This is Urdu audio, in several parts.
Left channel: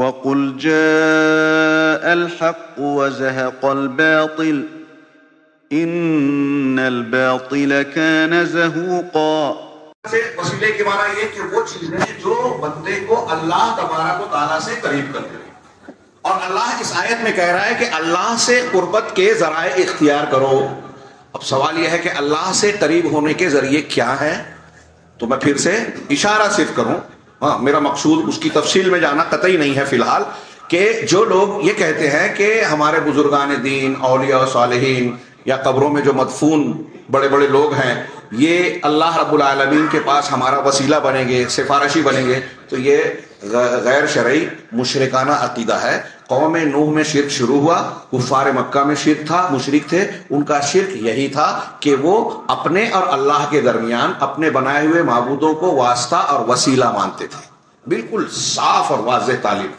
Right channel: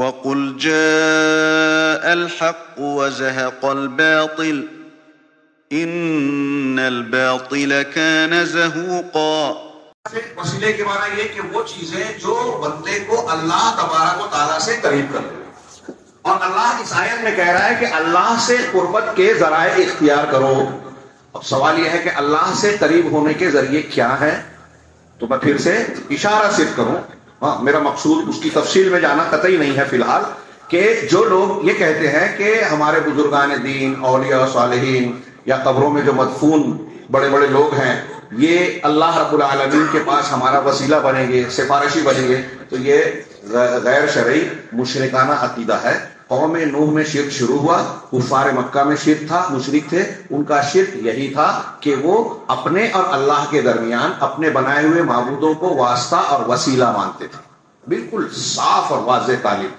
وَقُلْ جَاءَ الْحَقُّ وَزَهَقَ الْبَاطِلُ إِنَّ الْبَاطِلَ كَانَ زَهُوقًا۔ وسیلے کے معنی یہ کہ وہ چیزیں جو بندے کو اللہ تبارک و تعالیٰ سے قریب کر دے، اور اللہ اس آیت میں کہہ رہا ہے کہ اللہ سے قربت کے ذرائع اختیار کرو۔ اب سوال یہ ہے کہ اللہ سے قریب ہونے کے ذریعے کیا ہے؟ تو میں پھر سے اشارہ صرف کروں، میرا مقصود اس کی تفصیل میں جانا قطعی نہیں ہے فی الحال، کہ جو لوگ یہ کہتے ہیں کہ ہمارے بزرگان دین، اولیاء صالحین، یا قبروں میں جو مدفون بڑے بڑے لوگ ہیں، یہ اللہ رب العالمین کے پاس ہمارا وسیلہ بنیں گے، سفارشی بنیں گے، تو یہ غیر شرعی مشرکانہ عقیدہ ہے۔ قوم نوح میں شرک شروع ہوا، کفار مکہ میں شرک تھا، مشرک تھے، ان کا شرک یہی تھا کہ وہ اپنے اور اللہ کے درمیان اپنے بنائے ہوئے معبودوں کو واسطہ اور وسیلہ مانتے تھے۔ بالکل صاف اور واضح تعلیم،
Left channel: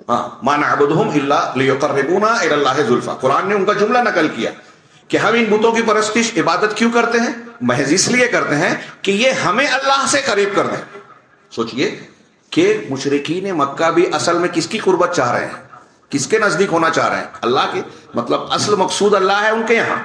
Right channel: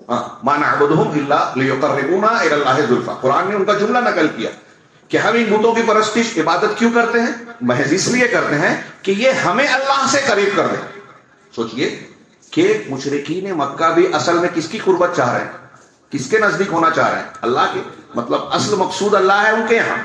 مَا نَعْبُدُهُمْ إِلَّا لِيُقَرِّبُونَا إِلَى اللَّهِ زُلْفَىٰ۔ قرآن نے ان کا جملہ نقل کیا کہ ہم ان بتوں کی پرستش عبادت کیوں کرتے ہیں؟ محض اس لیے کرتے ہیں کہ یہ ہمیں اللہ سے قریب کر دیں۔ سوچئے کہ مشرکین مکہ بھی اصل میں کس کی قربت چاہ رہے ہیں، کس کے نزدیک ہونا چاہ رہے ہیں؟ اللہ کے، مطلب اصل مقصود اللہ ہے ان کے یہاں،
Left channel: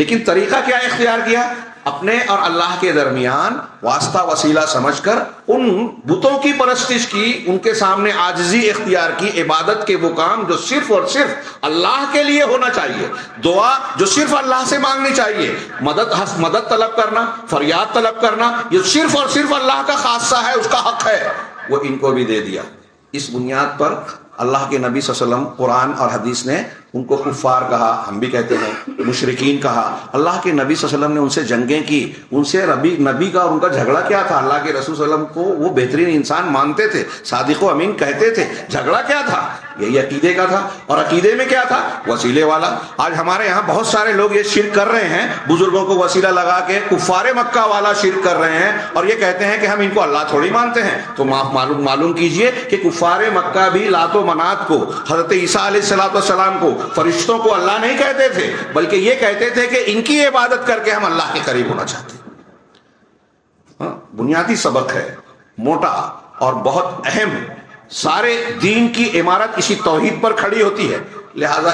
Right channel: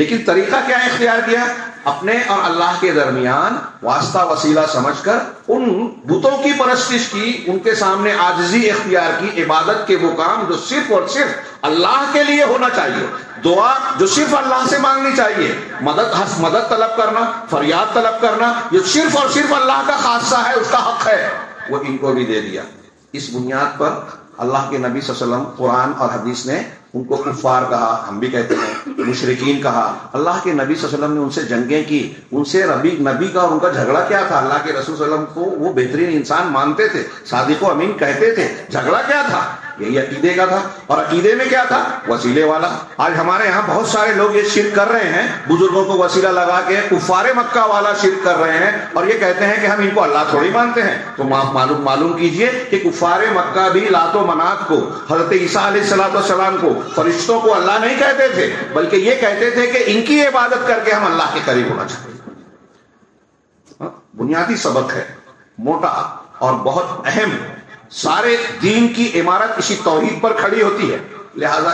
لیکن طریقہ کیا اختیار کیا؟ اپنے اور اللہ کے درمیان واسطہ وسیلہ سمجھ کر ان بتوں کی پرستش کی، ان کے سامنے عاجزی اختیار کی، عبادت کے وہ کام جو صرف اور صرف اللہ کے لیے ہونا چاہیے، دعا جو صرف اللہ سے مانگنی چاہیے، مدد طلب کرنا، فریاد طلب کرنا، یہ صرف اور صرف اللہ کا خاصہ ہے، اس کا حق ہے، وہ ان کو بھی دے دیا۔ اس بنیاد پر اللہ کے نبی صلی اللہ علیہ وسلم، قرآن اور حدیث نے ان کو کفار کہا، ہم بھی کہتے ہیں مشرکین کہا۔ اللہ کے نبی صلی اللہ علیہ وسلم نے ان سے جنگیں کی، ان سے نبی کا اور ان کا جھگڑا کیا تھا؟ اللہ کے رسول صلی اللہ علیہ وسلم کو وہ بہترین انسان مانتے تھے، صادق و امین کہتے تھے، جھگڑا کیا تھا؟ یہی عقیدے کا تھا، اور عقیدے میں کیا تھا؟ وسیلے والا۔ آج ہمارے یہاں بہت سارے لوگ یہ شرک کر رہے ہیں، بزرگوں کو وسیلہ لگا کے کفار مکہ والا شرک کر رہے ہیں، اور یہ کہتے ہیں کہ ہم ان کو اللہ تھوڑی مانتے ہیں۔ تو معلوم کیجئے کہ کفار مکہ بھی لات و منات کو، حضرت عیسیٰ علیہ السلام کو، فرشتوں کو اللہ نہیں کہتے تھے، بلکہ یہ کہتے تھے کہ ان کی عبادت کر کے ہم اللہ کے قریب ہونا چاہتے ہیں۔ بنیادی سبق ہے، موٹا اور بہت اہم۔ سارے دین کی عمارت اسی توحید پر کھڑی ہوتی ہے، لہذا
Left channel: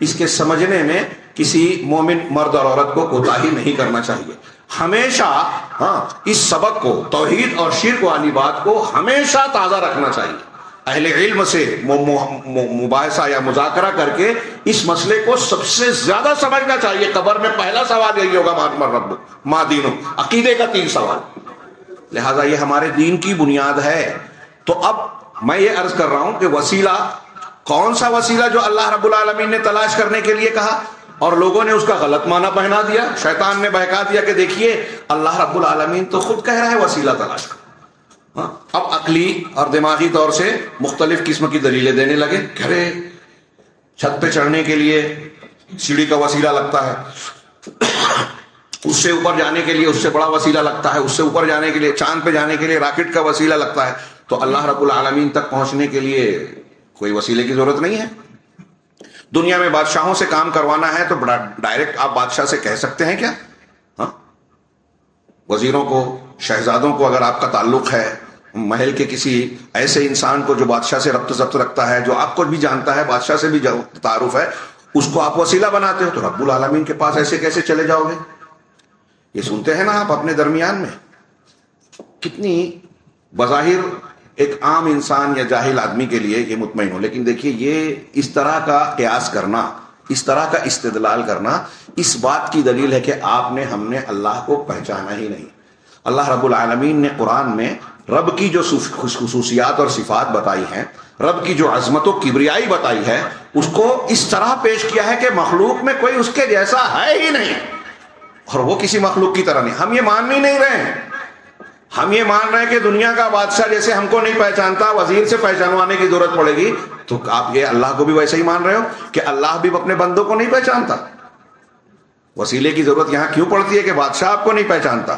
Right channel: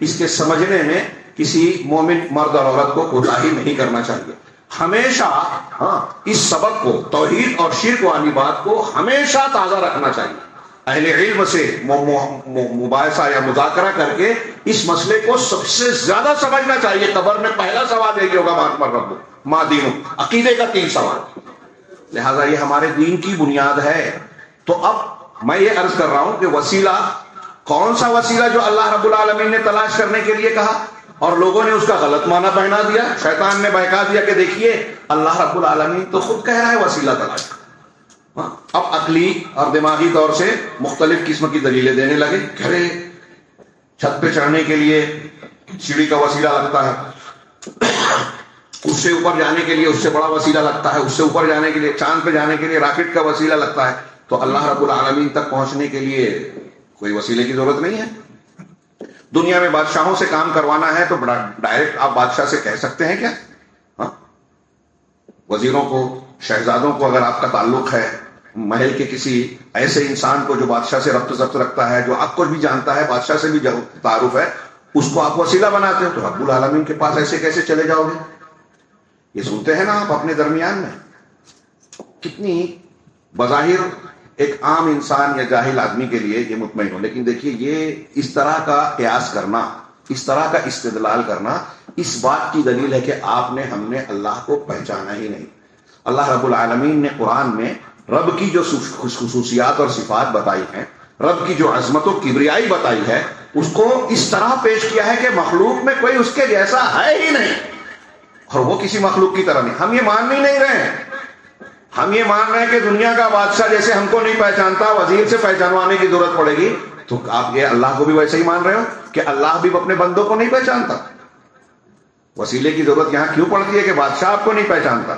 اس کے سمجھنے میں کسی مومن مرد اور عورت کو کوتاہی نہیں کرنا چاہیے۔ ہمیشہ اس سبق کو، توحید اور شرک والی بات کو ہمیشہ تازہ رکھنا چاہیے۔ اہل علم سے مباحثہ یا مذاکرہ کر کے اس مسئلے کو سب سے زیادہ سمجھنا چاہیے۔ قبر میں پہلا سوال یہی ہوگا، من ربک ما دینک، عقیدے کا 3 سوال۔ لہذا یہ ہمارے دین کی بنیاد ہے۔ تو اب میں یہ عرض کر رہا ہوں کہ وسیلہ، کون سا وسیلہ جو اللہ رب العالمین نے تلاش کرنے کے لیے کہا اور لوگوں نے اس کا غلط معنی پہنا دیا، شیطان نے بہکا دیا کہ دیکھیے اللہ رب العالمین تو خود کہہ رہا ہے وسیلہ تلاش کرو۔ اب عقلی اور دماغی طور سے مختلف قسم کی دلیلیں دینے لگے، گھرے چھت پہ چڑھنے کے لیے سیڑھی کا وسیلہ لگتا ہے، اس سے اوپر جانے کے لیے اس سے بڑا وسیلہ لگتا ہے، اس سے اوپر جانے کے لیے، چاند پہ جانے کے لیے راکٹ کا وسیلہ لگتا ہے۔ تو اللہ رب العالمین تک پہنچنے کے لیے کوئی وسیلے کی ضرورت نہیں ہے۔ دنیا میں بادشاہوں سے کام کروانا ہے تو بڑا ڈائریکٹ آپ بادشاہ سے کہہ سکتے ہیں کیا؟ وزیروں کو، شہزادوں کو اگر آپ کا تعلق ہے، محل کے کسی ایسے انسان کو جو بادشاہ سے ربط ضبط رکھتا ہے، جو آپ کو بھی جانتا ہے، بادشاہ سے بھی تعارف ہے، اس کو آپ وسیلہ بناتے ہو، تو رب العالمین کے پاس ایسے کیسے چلے جاؤ گے؟ یہ سنتے ہیں نا آپ اپنے درمیان میں۔ کتنی بظاہر ایک عام انسان یا جاہل آدمی کے لیے یہ مطمئن ہو، لیکن دیکھیے یہ اس طرح کا قیاس کرنا، اس طرح کا استدلال کرنا اس بات کی دلیل ہے کہ ہم نے اللہ کو پہچانا ہی نہیں۔ اللہ رب العالمین نے قرآن میں رب کی جو خصوصیات اور صفات بتائی ہیں، رب کی جو عظمت و کبریائی بتائی ہے، اس کو اس طرح پیش کیا ہے کہ مخلوق میں کوئی اس کے جیسا ہے ہی نہیں، اور وہ کسی مخلوق کی طرح نہیں۔ ہم یہ مان ہی نہیں رہے ہیں، ہم یہ مان رہے ہیں کہ دنیا کا بادشاہ جیسے ہم کو نہیں پہچانتا، وزیر سے پہچانوانے کی ضرورت پڑے گی، تو آپ یہ اللہ کو بھی ویسے ہی مان رہے ہو کہ اللہ بھی اپنے بندوں کو نہیں پہچانتا؟ وسیلے کی ضرورت یہاں کیوں پڑتی ہے کہ بادشاہ آپ کو نہیں پہچانتا؟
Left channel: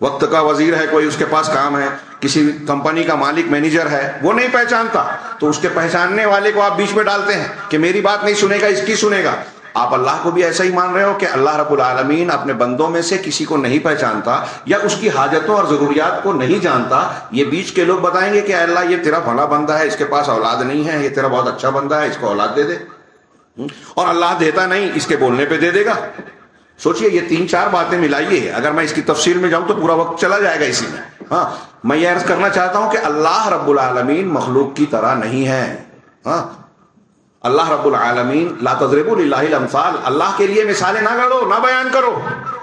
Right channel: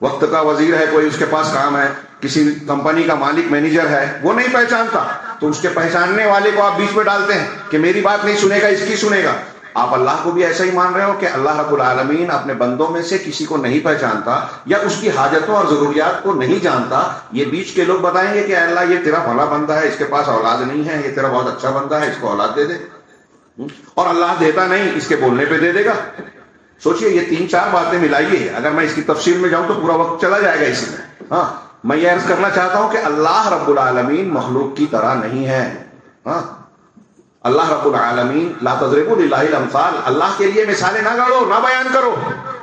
وقت کا وزیر ہے کوئی، اس کے پاس کام ہے، کسی کمپنی کا مالک مینیجر ہے، وہ نہیں پہچانتا، تو اس کے پہچاننے والے کو آپ بیچ میں ڈالتے ہیں کہ میری بات نہیں سنے گا، اس کی سنے گا۔ آپ اللہ کو بھی ایسا ہی مان رہے ہو کہ اللہ رب العالمین اپنے بندوں میں سے کسی کو نہیں پہچانتا یا اس کی حاجتوں اور ضروریات کو نہیں جانتا؟ یہ بیچ کے لوگ بتائیں گے کہ اللہ یہ تیرا بھلا بندہ ہے، اس کے پاس اولاد نہیں ہے، یہ تیرا بہت اچھا بندہ ہے، اس کو اولاد دے دے، اور اللہ دیتا نہیں، اس کے بولنے پہ دے دے گا۔ سوچئے یہ 3-4 باتیں ملائیے، اگر میں اس کی تفصیل میں جاؤں تو پورا وقت چلا جائے گا اسی میں۔ ہاں، میں یہ عرض کرنا چاہتا ہوں کہ اللہ رب العالمین مخلوق کی طرح نہیں ہے۔ ہاں، اللہ رب العالمین لا تضربوا للہ الامثال، اللہ کے لیے مثالیں نہ گڑو، نہ بیان کرو،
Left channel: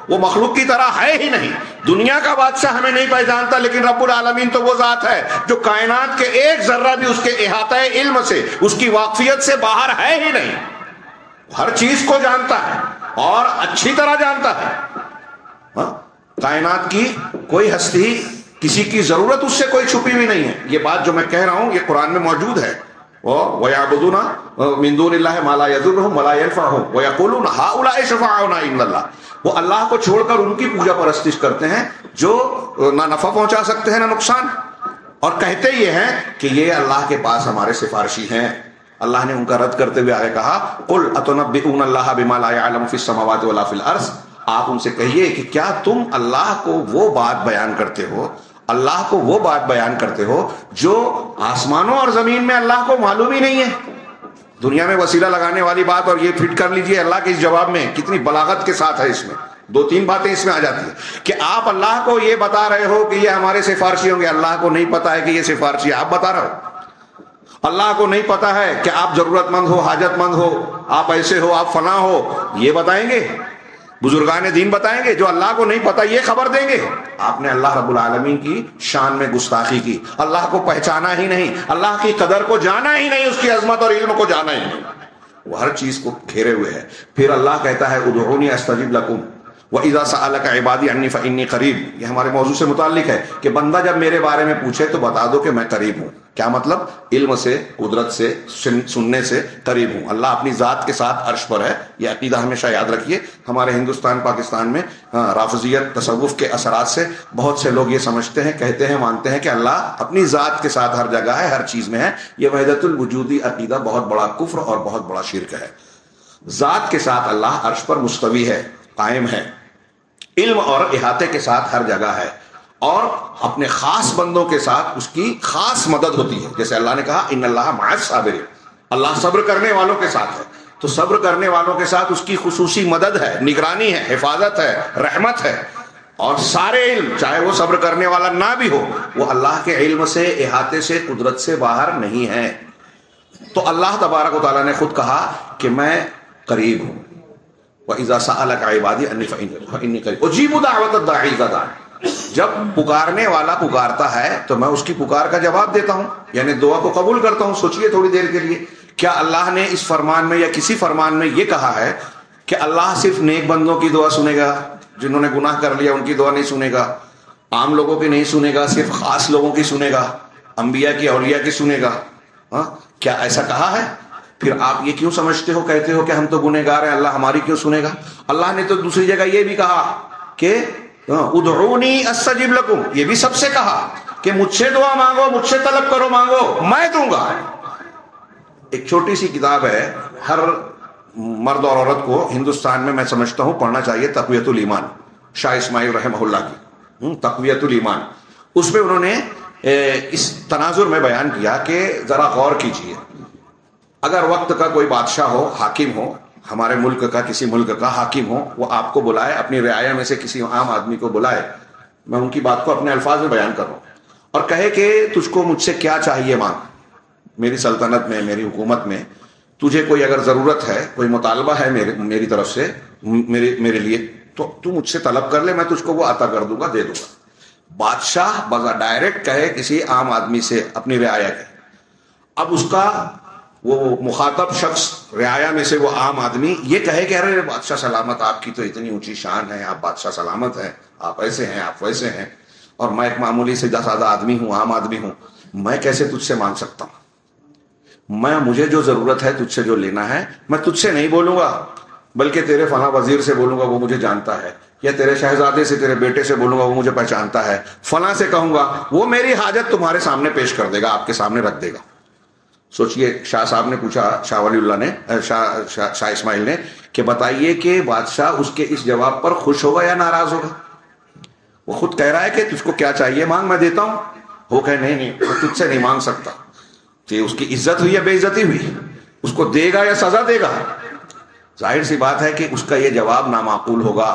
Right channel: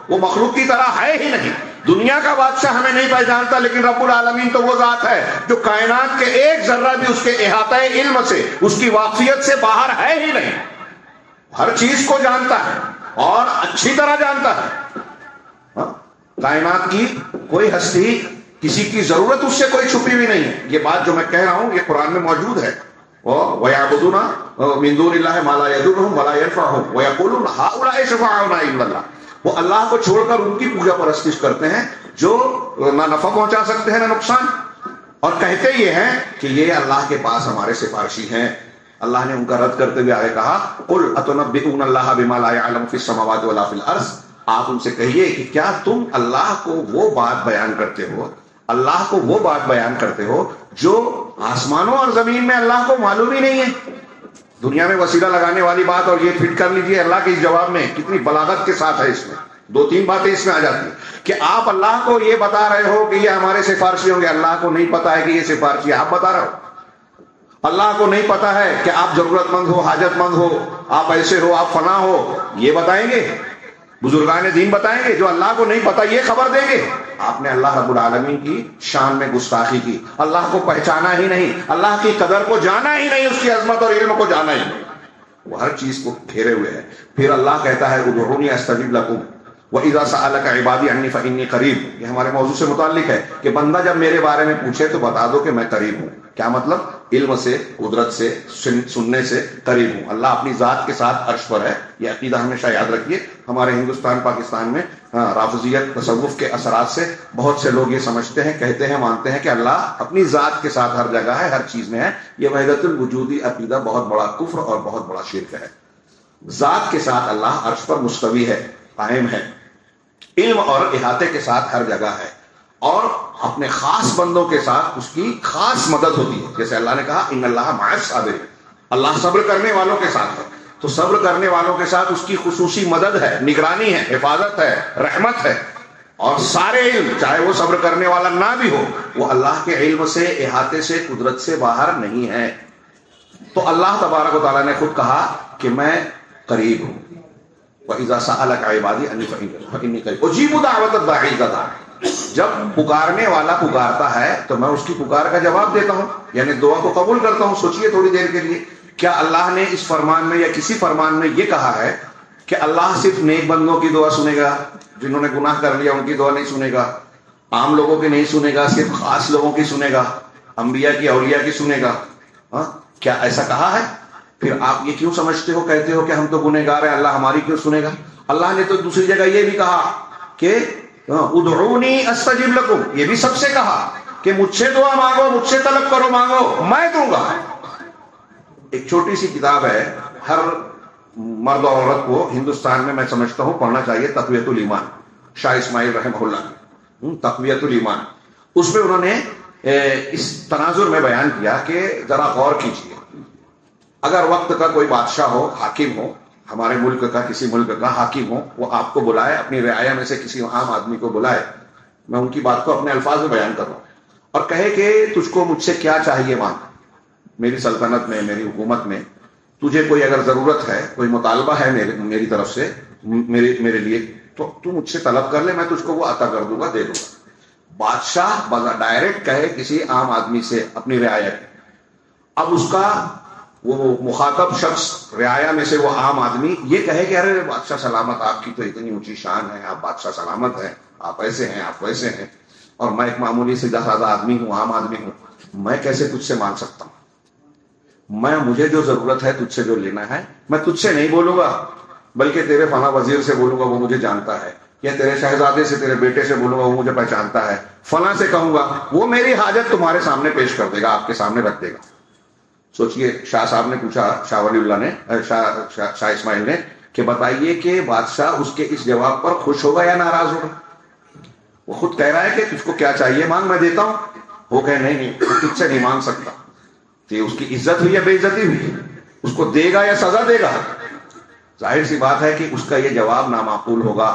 وہ مخلوق کی طرح ہے ہی نہیں۔ دنیا کا بادشاہ ہمیں نہیں پہچانتا، لیکن رب العالمین تو وہ ذات ہے جو کائنات کے ایک ذرہ بھی اس کے احاطہ علم سے، اس کی واقفیت سے باہر ہے ہی نہیں، ہر چیز کو جانتا ہے اور اچھی طرح جانتا ہے۔ کائنات کی کوئی ہستی، کسی کی ضرورت اس سے کوئی چھپی ہوئی نہیں ہے۔ یہ بات جو میں کہہ رہا ہوں یہ قرآن میں موجود ہے۔ وَيَعْبُدُونَ مِن دُونِ اللَّهِ مَا لَا يَضُرُّهُمْ وَلَا يَنفَعُهُمْ وَيَقُولُونَ هَؤُلَاءِ شُفَعَاؤُنَا عِندَ اللَّهِ، وہ اللہ کو چھوڑ کر ان کی پوجا پرستش کرتے ہیں جو نہ نفع پہنچا سکتے ہیں نہ نقصان، اور کہتے یہ ہیں کہ یہ اللہ کے پاس ہمارے سفارشی ہیں۔ اللہ نے ان کا رد کرتے ہوئے آگے کہا قُلْ أَتُنَبِّئُونَ اللَّهَ بِمَا لَا يَعْلَمُ فِي السَّمَاوَاتِ وَلَا فِي الْأَرْضِ، آپ ان سے کہیے کہ کیا تم اللہ کو وہ بات بیان کرتے ہو، اللہ کو وہ بات بیان کرتے ہو جو آسمانوں اور زمین میں اللہ کو معلوم ہی نہیں ہے؟ دنیا میں وسیلہ لگانے والی بات، اور یہ فٹ کر لیجئے اللہ کے اس جواب میں کتنی بلاغت کے ساتھ ہے، اس میں 2-3 باتیں اس میں آ جاتی ہیں کہ آپ اللہ کو یہ بتا رہے ہو کہ یہ ہمارے سفارشی ہوں گے، اللہ کو نہیں پتا ہے کہ یہ سفارشی آپ بتا رہے ہو۔ اللہ کو نہیں پتا ہے کہ آپ ضرورت مند ہو، حاجت مند ہو، آپ ایسے ہو، آپ فلاں ہو، یہ بتائیں گے؟ بزرگان دین بتائیں گے؟ جو اللہ کو نہیں پتا یہ خبر دیں گے؟ آپ نے اللہ رب العالمین کی شان میں گستاخی کی، اللہ کو پہچانا ہی نہیں، اللہ کی قدر کو جانا ہی نہیں، اس کی عظمت اور علم کو جانا ہی نہیں، وہ ہر چیز کو گھیرے ہوئے ہے۔ پھر اللہ کہتا ہے ادعونی استجب لکم وَإِذَا سَأَلَكَ عِبَادِي عَنِّي فَإِنِّي قَرِيبٌ، یہ ہمارے موضوع سے متعلق ہے کہ بندہ جب میرے بارے میں پوچھے تو بتا دو کہ میں قریب ہوں۔ کیا مطلب؟ علم سے، قدرت سے، سننے سے قریب ہوں۔ اللہ اپنی ذات کے ساتھ عرش پر ہے، یہ عقیدہ ہمیشہ یاد رکھیے۔ ہمارے ہندوستان پاکستان میں رافضیت تصوف کے اثرات سے بہت سے لوگ یہ سمجھتے ہیں، کہتے ہیں، مانتے ہیں کہ اللہ اپنی ذات کے ساتھ ہر جگہ ہے، ہر چیز میں ہے۔ یہ وحدت الوجودی عقیدہ بہت بڑا کفر اور بہت بڑا شرک ہے۔ ذات کے ساتھ اللہ عرش پر مستوی ہے، قائم ہے، علم اور احاطے کے ساتھ ہر جگہ ہے، اور اپنے خاص بندوں کے ساتھ اس کی خاص مدد ہوتی ہے۔ جیسے اللہ نے کہا ان اللہ مع الصابرین، اللہ صبر کرنے والوں کے ساتھ ہے، تو صبر کرنے والوں کے ساتھ اس کی خصوصی مدد ہے، نگرانی ہے، حفاظت ہے، رحمت ہے، اور سارے علم چاہے وہ صبر کرنے والا نہ بھی ہو وہ اللہ کے علم سے، احاطے سے، قدرت سے باہر نہیں ہے۔ تو اللہ تبارک و تعالیٰ نے خود کہا کہ میں قریب ہوں۔ وَإِذَا سَأَلَكَ عِبَادِي عَنِّي فَإِنِّي قَرِيبٌ أُجِيبُ دَعْوَةَ الدَّاعِ إِذَا دَعَانِ، جب پکارنے والا پکارتا ہے تو میں اس کی پکار کا جواب دیتا ہوں، یعنی دعا کو قبول کرتا ہوں۔ سوچئے تھوڑی دیر کے لیے، کیا اللہ نے اس فرمان میں یا کسی فرمان میں یہ کہا ہے کہ اللہ صرف نیک بندوں کی دعا سنے گا، جنہوں نے گناہ کر لیا ان کی دعا نہیں سنے گا، عام لوگوں کی نہیں سنے گا، صرف خاص لوگوں کی سنے گا، انبیاء کی، اولیاء کی سنے گا؟ کیا ایسا کہا ہے؟ پھر آپ یہ کیوں سمجھتے ہو، کہتے ہو کہ ہم تو گنہگار ہیں، اللہ ہماری کیوں سنے گا؟ اللہ نے تو دوسری جگہ یہ بھی کہا کہ ادعونی استجب لکم، یہ بھی سب سے کہا کہ مجھ سے دعا مانگو، مجھ سے طلب کرو، مانگو، میں دوں گا۔ ایک چھوٹی سی کتاب ہے، ہر مرد اور عورت کو ہندوستان میں سمجھتا ہوں پڑھنا چاہیے، تقویت الایمان، شاہ اسماعیل رحمہ اللہ کی تقویت الایمان۔ اس میں انہوں نے اس تناظر میں بیان کیا کہ ذرا غور کیجیے، اگر وقت کا کوئی بادشاہ ہو، حاکم ہو، ہمارے ملک کا کسی ملک کا حاکم ہو، وہ آپ کو بلائے، اپنی رعایا میں سے کسی عام آدمی کو بلائے، میں ان کی بات کو اپنے الفاظ میں بیان کر رہا ہوں، اور کہے کہ تجھ کو مجھ سے کیا چاہیے مانگ، میری سلطنت میں، میری حکومت میں تجھے کوئی اگر ضرورت ہے، کوئی مطالبہ ہے میری طرف سے میرے لیے، تو تو مجھ سے طلب کر لے، میں تجھ کو وہ عطا کر دوں گا، دے دوں گا۔ بادشاہ ڈائریکٹ کہے کسی عام آدمی سے، اپنی رعایا کے، اب اس کا وہ مخاطب شخص، رعایا میں سے وہ عام آدمی، یہ کہے کہ ارے بادشاہ سلامت، آپ کی تو اتنی اونچی شان ہے، آپ بادشاہ سلامت ہیں، آپ ایسے ہیں، آپ ویسے ہیں، اور میں ایک معمولی سے سادہ آدمی ہوں، عام آدمی ہوں، میں کیسے تجھ سے مانگ سکتا ہوں؟ مجھے جو ضرورت ہے، تجھ سے جو لینا ہے، میں تجھ سے نہیں بولوں گا، بلکہ تیرے فلاں وزیر سے بولوں گا، وہ مجھے جانتا ہے، یا تیرے شہزادے سے، تیرے بیٹے سے بولوں گا، وہ مجھے پہچانتا ہے، فلاں سے کہوں گا، وہ میری حاجت تمہارے سامنے پیش کر دے گا، آپ کے سامنے رکھ دے گا۔ سوچئے، شاہ صاحب نے پوچھا، شاہ ولی اللہ نے، شاہ اسماعیل نے کہ بتائیے کہ بادشاہ اس کے اس جواب پر خوش ہوگا یا ناراض ہوگا؟ وہ خود کہہ رہا ہے کہ تجھ کو کیا چاہیے مانگ، میں دیتا ہوں. وہ کہے نہیں وہ تجھ سے نہیں مانگ سکتا. کہ اس کی عزت ہوئی یا بے عزتی ہوئی؟ اس کو دے گا یا سزا دے گا؟ ظاہر سی بات ہے کہ اس کا یہ جواب نامعقول ہوگا.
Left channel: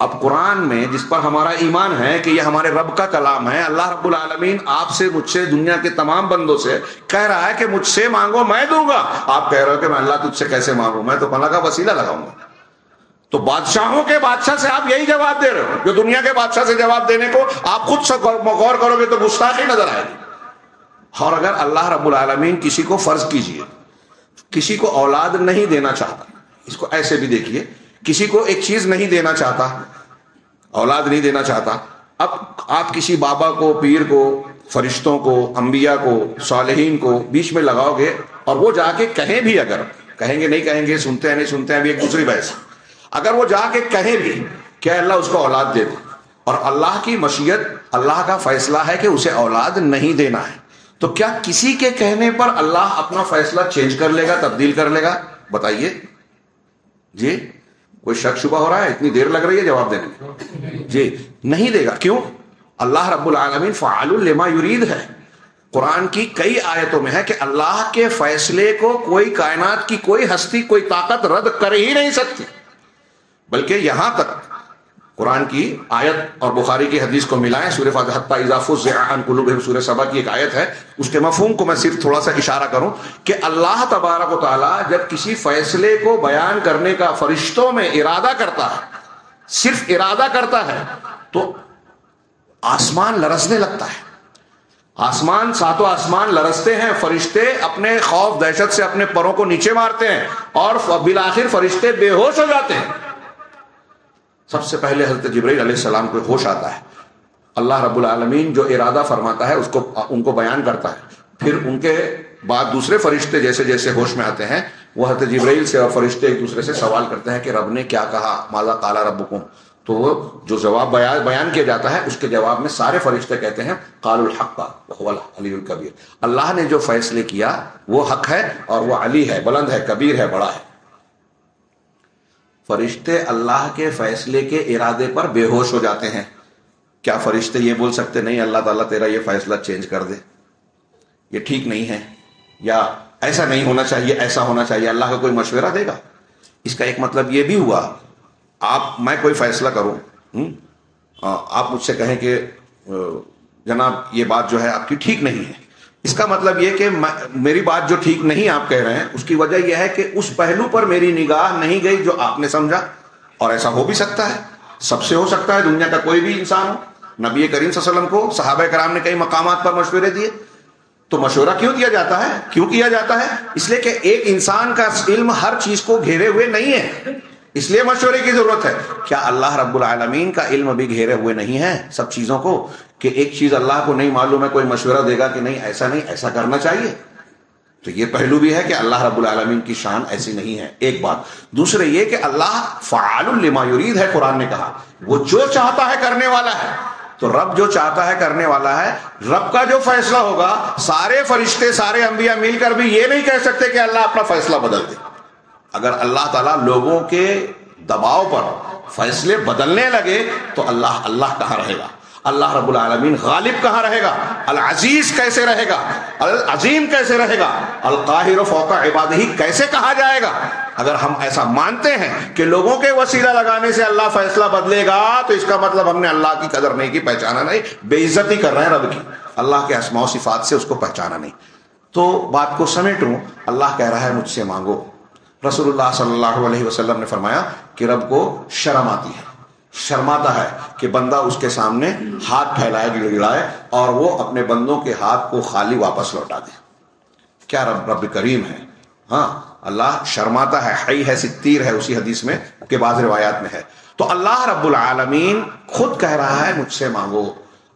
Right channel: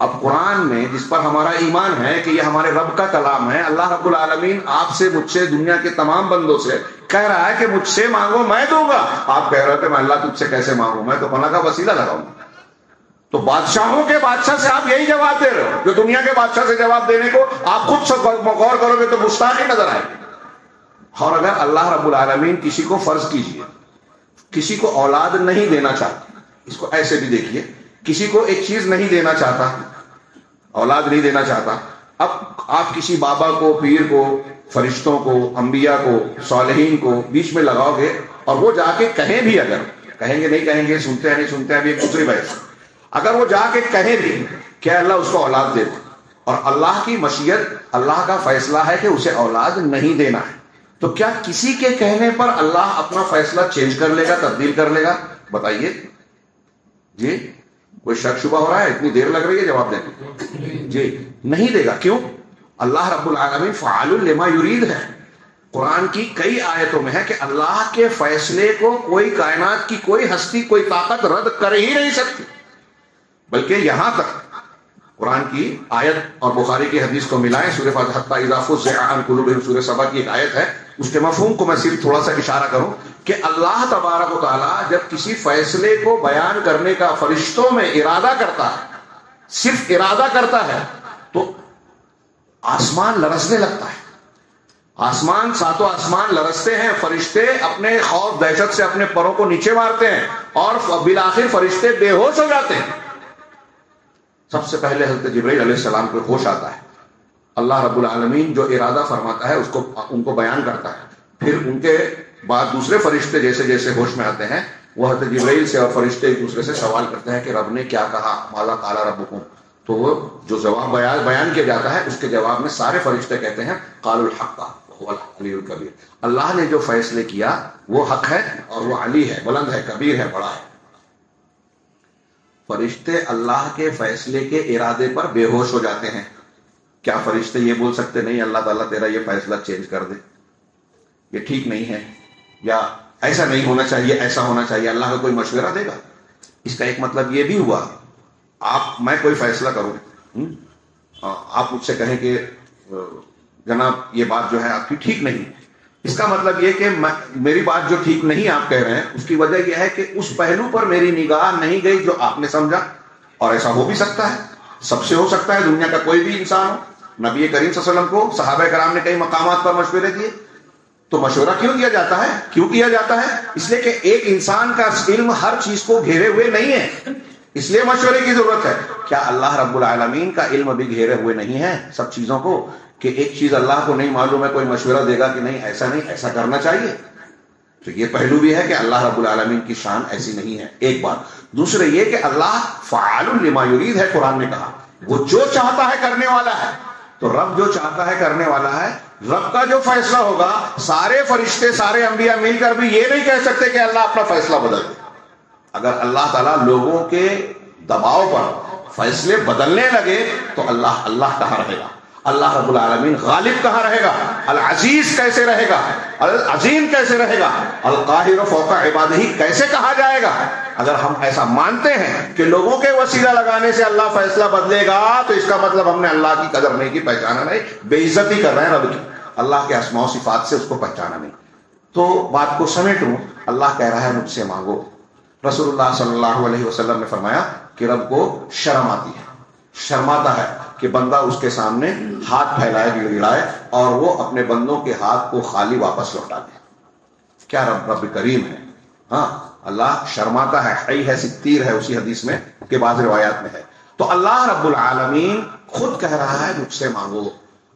اب قرآن میں جس پر ہمارا ایمان ہے کہ یہ ہمارے رب کا کلام ہے، اللہ رب العالمین آپ سے، مجھ سے، دنیا کے تمام بندوں سے کہہ رہا ہے کہ مجھ سے مانگو میں دوں گا. آپ کہہ رہے ہو کہ میں اللہ تجھ سے کیسے مانگوں، میں تو پناہ کا وسیلہ لگاؤں گا. تو بادشاہوں کے بادشاہ سے آپ یہی جواب دے رہے ہو جو دنیا کے بادشاہ سے جواب دینے کو آپ خود سے غور کرو گے تو گستاخی نظر آئے گی. اور اگر اللہ رب العالمین کسی کو، فرض کیجئے کسی کو اولاد نہیں دینا چاہتا، اس کو ایسے بھی دیکھیے، کسی کو ایک چیز نہیں دینا چاہتا، اولاد نہیں دینا چاہتا. اب آپ کسی بابا کو، پیر کو، فرشتوں کو، انبیاء کو، صالحین کو بیچ میں لگاؤ گے اور وہ جا کے کہیں بھی، اگر کہیں گے نہیں کہیں گے، سنتے ہیں نہیں سنتے ہیں، ابھی ایک دوسری بحث، اگر وہ جا کے کہیں بھی کہ اللہ اس کو اولاد دے دے، اور اللہ کی مشیت، اللہ کا فیصلہ ہے کہ اسے اولاد نہیں دینا ہے، تو کیا کسی کے کہنے پر اللہ اپنا فیصلہ چینج کر لے گا، تبدیل کر لے گا؟ بتائیے جی. کوئی شک شبہ ہو رہا ہے؟ اتنی دیر لگ رہی ہے جواب دینے میں؟ جی نہیں دے گا. کیوں؟ اللہ رب العالمین فعال لما یرید ہے. قرآن کی کئی آیتوں میں ہے کہ اللہ کے فیصلے کو کوئی کائنات کی کوئی ہستی، کوئی طاقت رد کر ہی نہیں سکتی. بلکہ یہاں تک قرآن کی آیت اور بخاری کی حدیث کو ملائیں، سورہ فاتحہ حتی اذا فزع عن قلوبہم، سورہ سبا کی ایک آیت ہے، اس کے مفہوم کو میں صرف تھوڑا سا اشارہ کروں کہ اللہ تبارک و تعالیٰ جب کسی فیصلے کو بیان کرنے کا فرشتوں میں ارادہ کرتا ہے، صرف ارادہ کرتا ہے، تو آسمان لرزنے لگتا ہے. آسمان، ساتوں آسمان لرزتے ہیں، فرشتے اپنے خوف دہشت سے اپنے پروں کو نیچے مارتے ہیں اور بالآخر فرشتے بے ہوش ہو جاتے ہیں. سب سے پہلے حضرت جبرائیل علیہ السلام کو ہوش آتا ہے. اللہ رب العالمین جو ارادہ فرماتا ہے اس کو ان کو بیان کرتا ہے، پھر ان کے بعد دوسرے فرشتے جیسے جیسے ہوش میں آتے ہیں وہ حضرت جبرائیل سے اور فرشتے ایک دوسرے سے سوال کرتے ہیں کہ رب نے کیا کہا، ماذا قال ربکم. تو جو جواب بیان کیا جاتا ہے اس کے جواب میں سارے فرشتے کہتے ہیں قالوا الحق وهو العلی الکبیر. اللہ نے جو فیصلے کیا وہ حق ہے اور وہ علی ہے، بلند ہے، کبیر ہے، بڑا ہے. فرشتے اللہ کے فیصلے کے ارادے پر بے ہوش ہو جاتے ہیں. کیا فرشتے یہ بول سکتے نہیں اللہ تعالیٰ تیرا یہ فیصلہ چینج کر دے، یہ ٹھیک نہیں ہے، یا ایسا نہیں ہونا چاہیے، ایسا ہونا چاہیے؟ اللہ کا کوئی مشورہ دے گا؟ اس کا ایک مطلب یہ بھی ہوا، میں کوئی فیصلہ کروں، آپ مجھ سے کہیں کہ جناب یہ بات جو ہے آپ کی ٹھیک نہیں ہے، اس کا مطلب یہ کہ میری بات جو ٹھیک نہیں آپ کہہ رہے ہیں اس کی وجہ یہ ہے کہ اس پہلو پر میری نگاہ نہیں گئی جو آپ نے سمجھا. اور ایسا ہو بھی سکتا ہے، سب سے ہو سکتا ہے، دنیا کا کوئی بھی انسان ہو. نبی کریم صلی اللہ علیہ وسلم کو صحابہ کرام نے کئی مقامات پر مشورے دیے. تو مشورہ کیوں دیا جاتا ہے؟ کیوں کیا جاتا ہے؟ اس لیے کہ ایک انسان کا علم ہر چیز کو گھیرے ہوئے نہیں ہے، اس لیے مشورے کی ضرورت ہے. کیا اللہ رب العالمین کا علم بھی گھیرے ہوئے نہیں ہے سب چیزوں کو، کہ ایک چیز اللہ کو نہیں معلوم ہے، کوئی مشورہ دے گا کہ نہیں ایسا کرنا چاہیے؟ تو یہ پہلو بھی ہے کہ اللہ رب العالمین کی شان ایسی نہیں ہے، ایک بات. دوسرے یہ کہ اللہ فعال لما یرید ہے، قرآن نے کہا وہ جو چاہتا ہے کرنے والا ہے. تو رب جو چاہتا ہے کرنے والا ہے، رب کا جو فیصلہ ہوگا سارے فرشتے، سارے انبیاء مل کر بھی یہ نہیں کہہ سکتے کہ اللہ اپنا فیصلہ بدل دے. اگر اللہ تعالیٰ لوگوں کے دباؤ پر فیصلے بدلنے لگے تو اللہ کہاں رہے گا؟ اللہ رب العالمین غالب کہاں رہے گا؟ العزیز کیسے رہے گا؟ العظیم کیسے رہے گا؟ القاہر فوق عبادہ کیسے کہا جائے گا؟ اگر ہم ایسا مانتے ہیں کہ لوگوں کے وسیلہ لگانے سے اللہ فیصلہ بدلے گا تو اس کا مطلب ہم نے اللہ کی قدر نہیں کی، پہچانا نہیں، بے عزتی کر رہے ہیں رب کی، اللہ کے اسماء و صفات سے اس کو پہچانا نہیں. تو بات کو سمیٹوں، اللہ کہہ رہا ہے مجھ سے مانگو. رسول اللہ صلی اللہ علیہ وسلم نے فرمایا کہ رب کو شرم آتی ہے، شرماتا ہے کہ بندہ اس کے سامنے ہاتھ پھیلائے گڑگڑائے اور وہ اپنے بندوں کے ہاتھ کو خالی واپس لوٹا دے. کیا رب کریم ہے؟ ہاں، اللہ شرماتا ہے، حی ہے، ستیر ہے، اسی حدیث میں کے بعض روایات میں ہے. تو اللہ رب العالمین خود کہہ رہا ہے مجھ سے مانگو.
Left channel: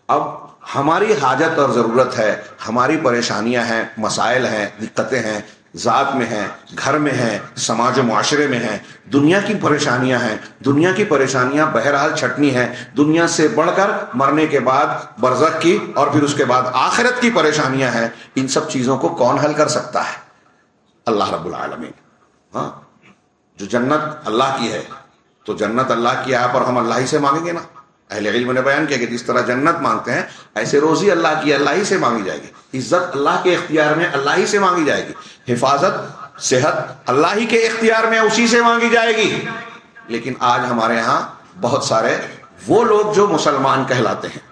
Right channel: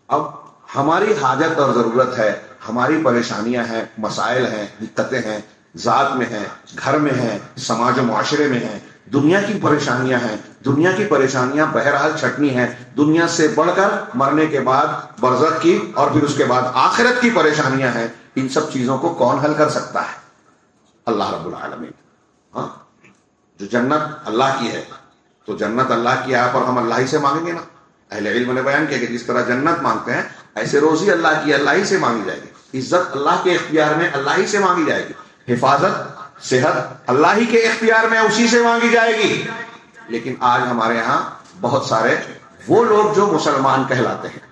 اب ہماری حاجت اور ضرورت ہے، ہماری پریشانیاں ہیں، مسائل ہیں، دقتیں ہیں، ذات میں ہیں، گھر میں ہیں، سماج و معاشرے میں ہیں، دنیا کی پریشانیاں ہیں. دنیا کی پریشانیاں بہرحال چھٹنی ہیں، دنیا سے بڑھ کر مرنے کے بعد برزخ کی اور پھر اس کے بعد آخرت کی پریشانیاں ہیں. ان سب چیزوں کو کون حل کر سکتا ہے؟ اللہ رب العالمین. ہاں، جو جنت اللہ کی ہے تو جنت اللہ کی ہے پر ہم اللہ ہی سے مانگیں گے نا. اہل علم نے بیان کیا کہ جس طرح جنت مانگتے ہیں ایسے روزی اللہ کی اللہ ہی سے مانگی جائے گی. عزت اللہ کے اختیار میں اللہ ہی سے مانگی جائے گی. حفاظت صحت اللہ ہی کے اختیار میں اسی سے مانگی جائے گی. لیکن آج ہمارے ہاں بہت سارے وہ لوگ جو مسلمان کہلاتے ہیں,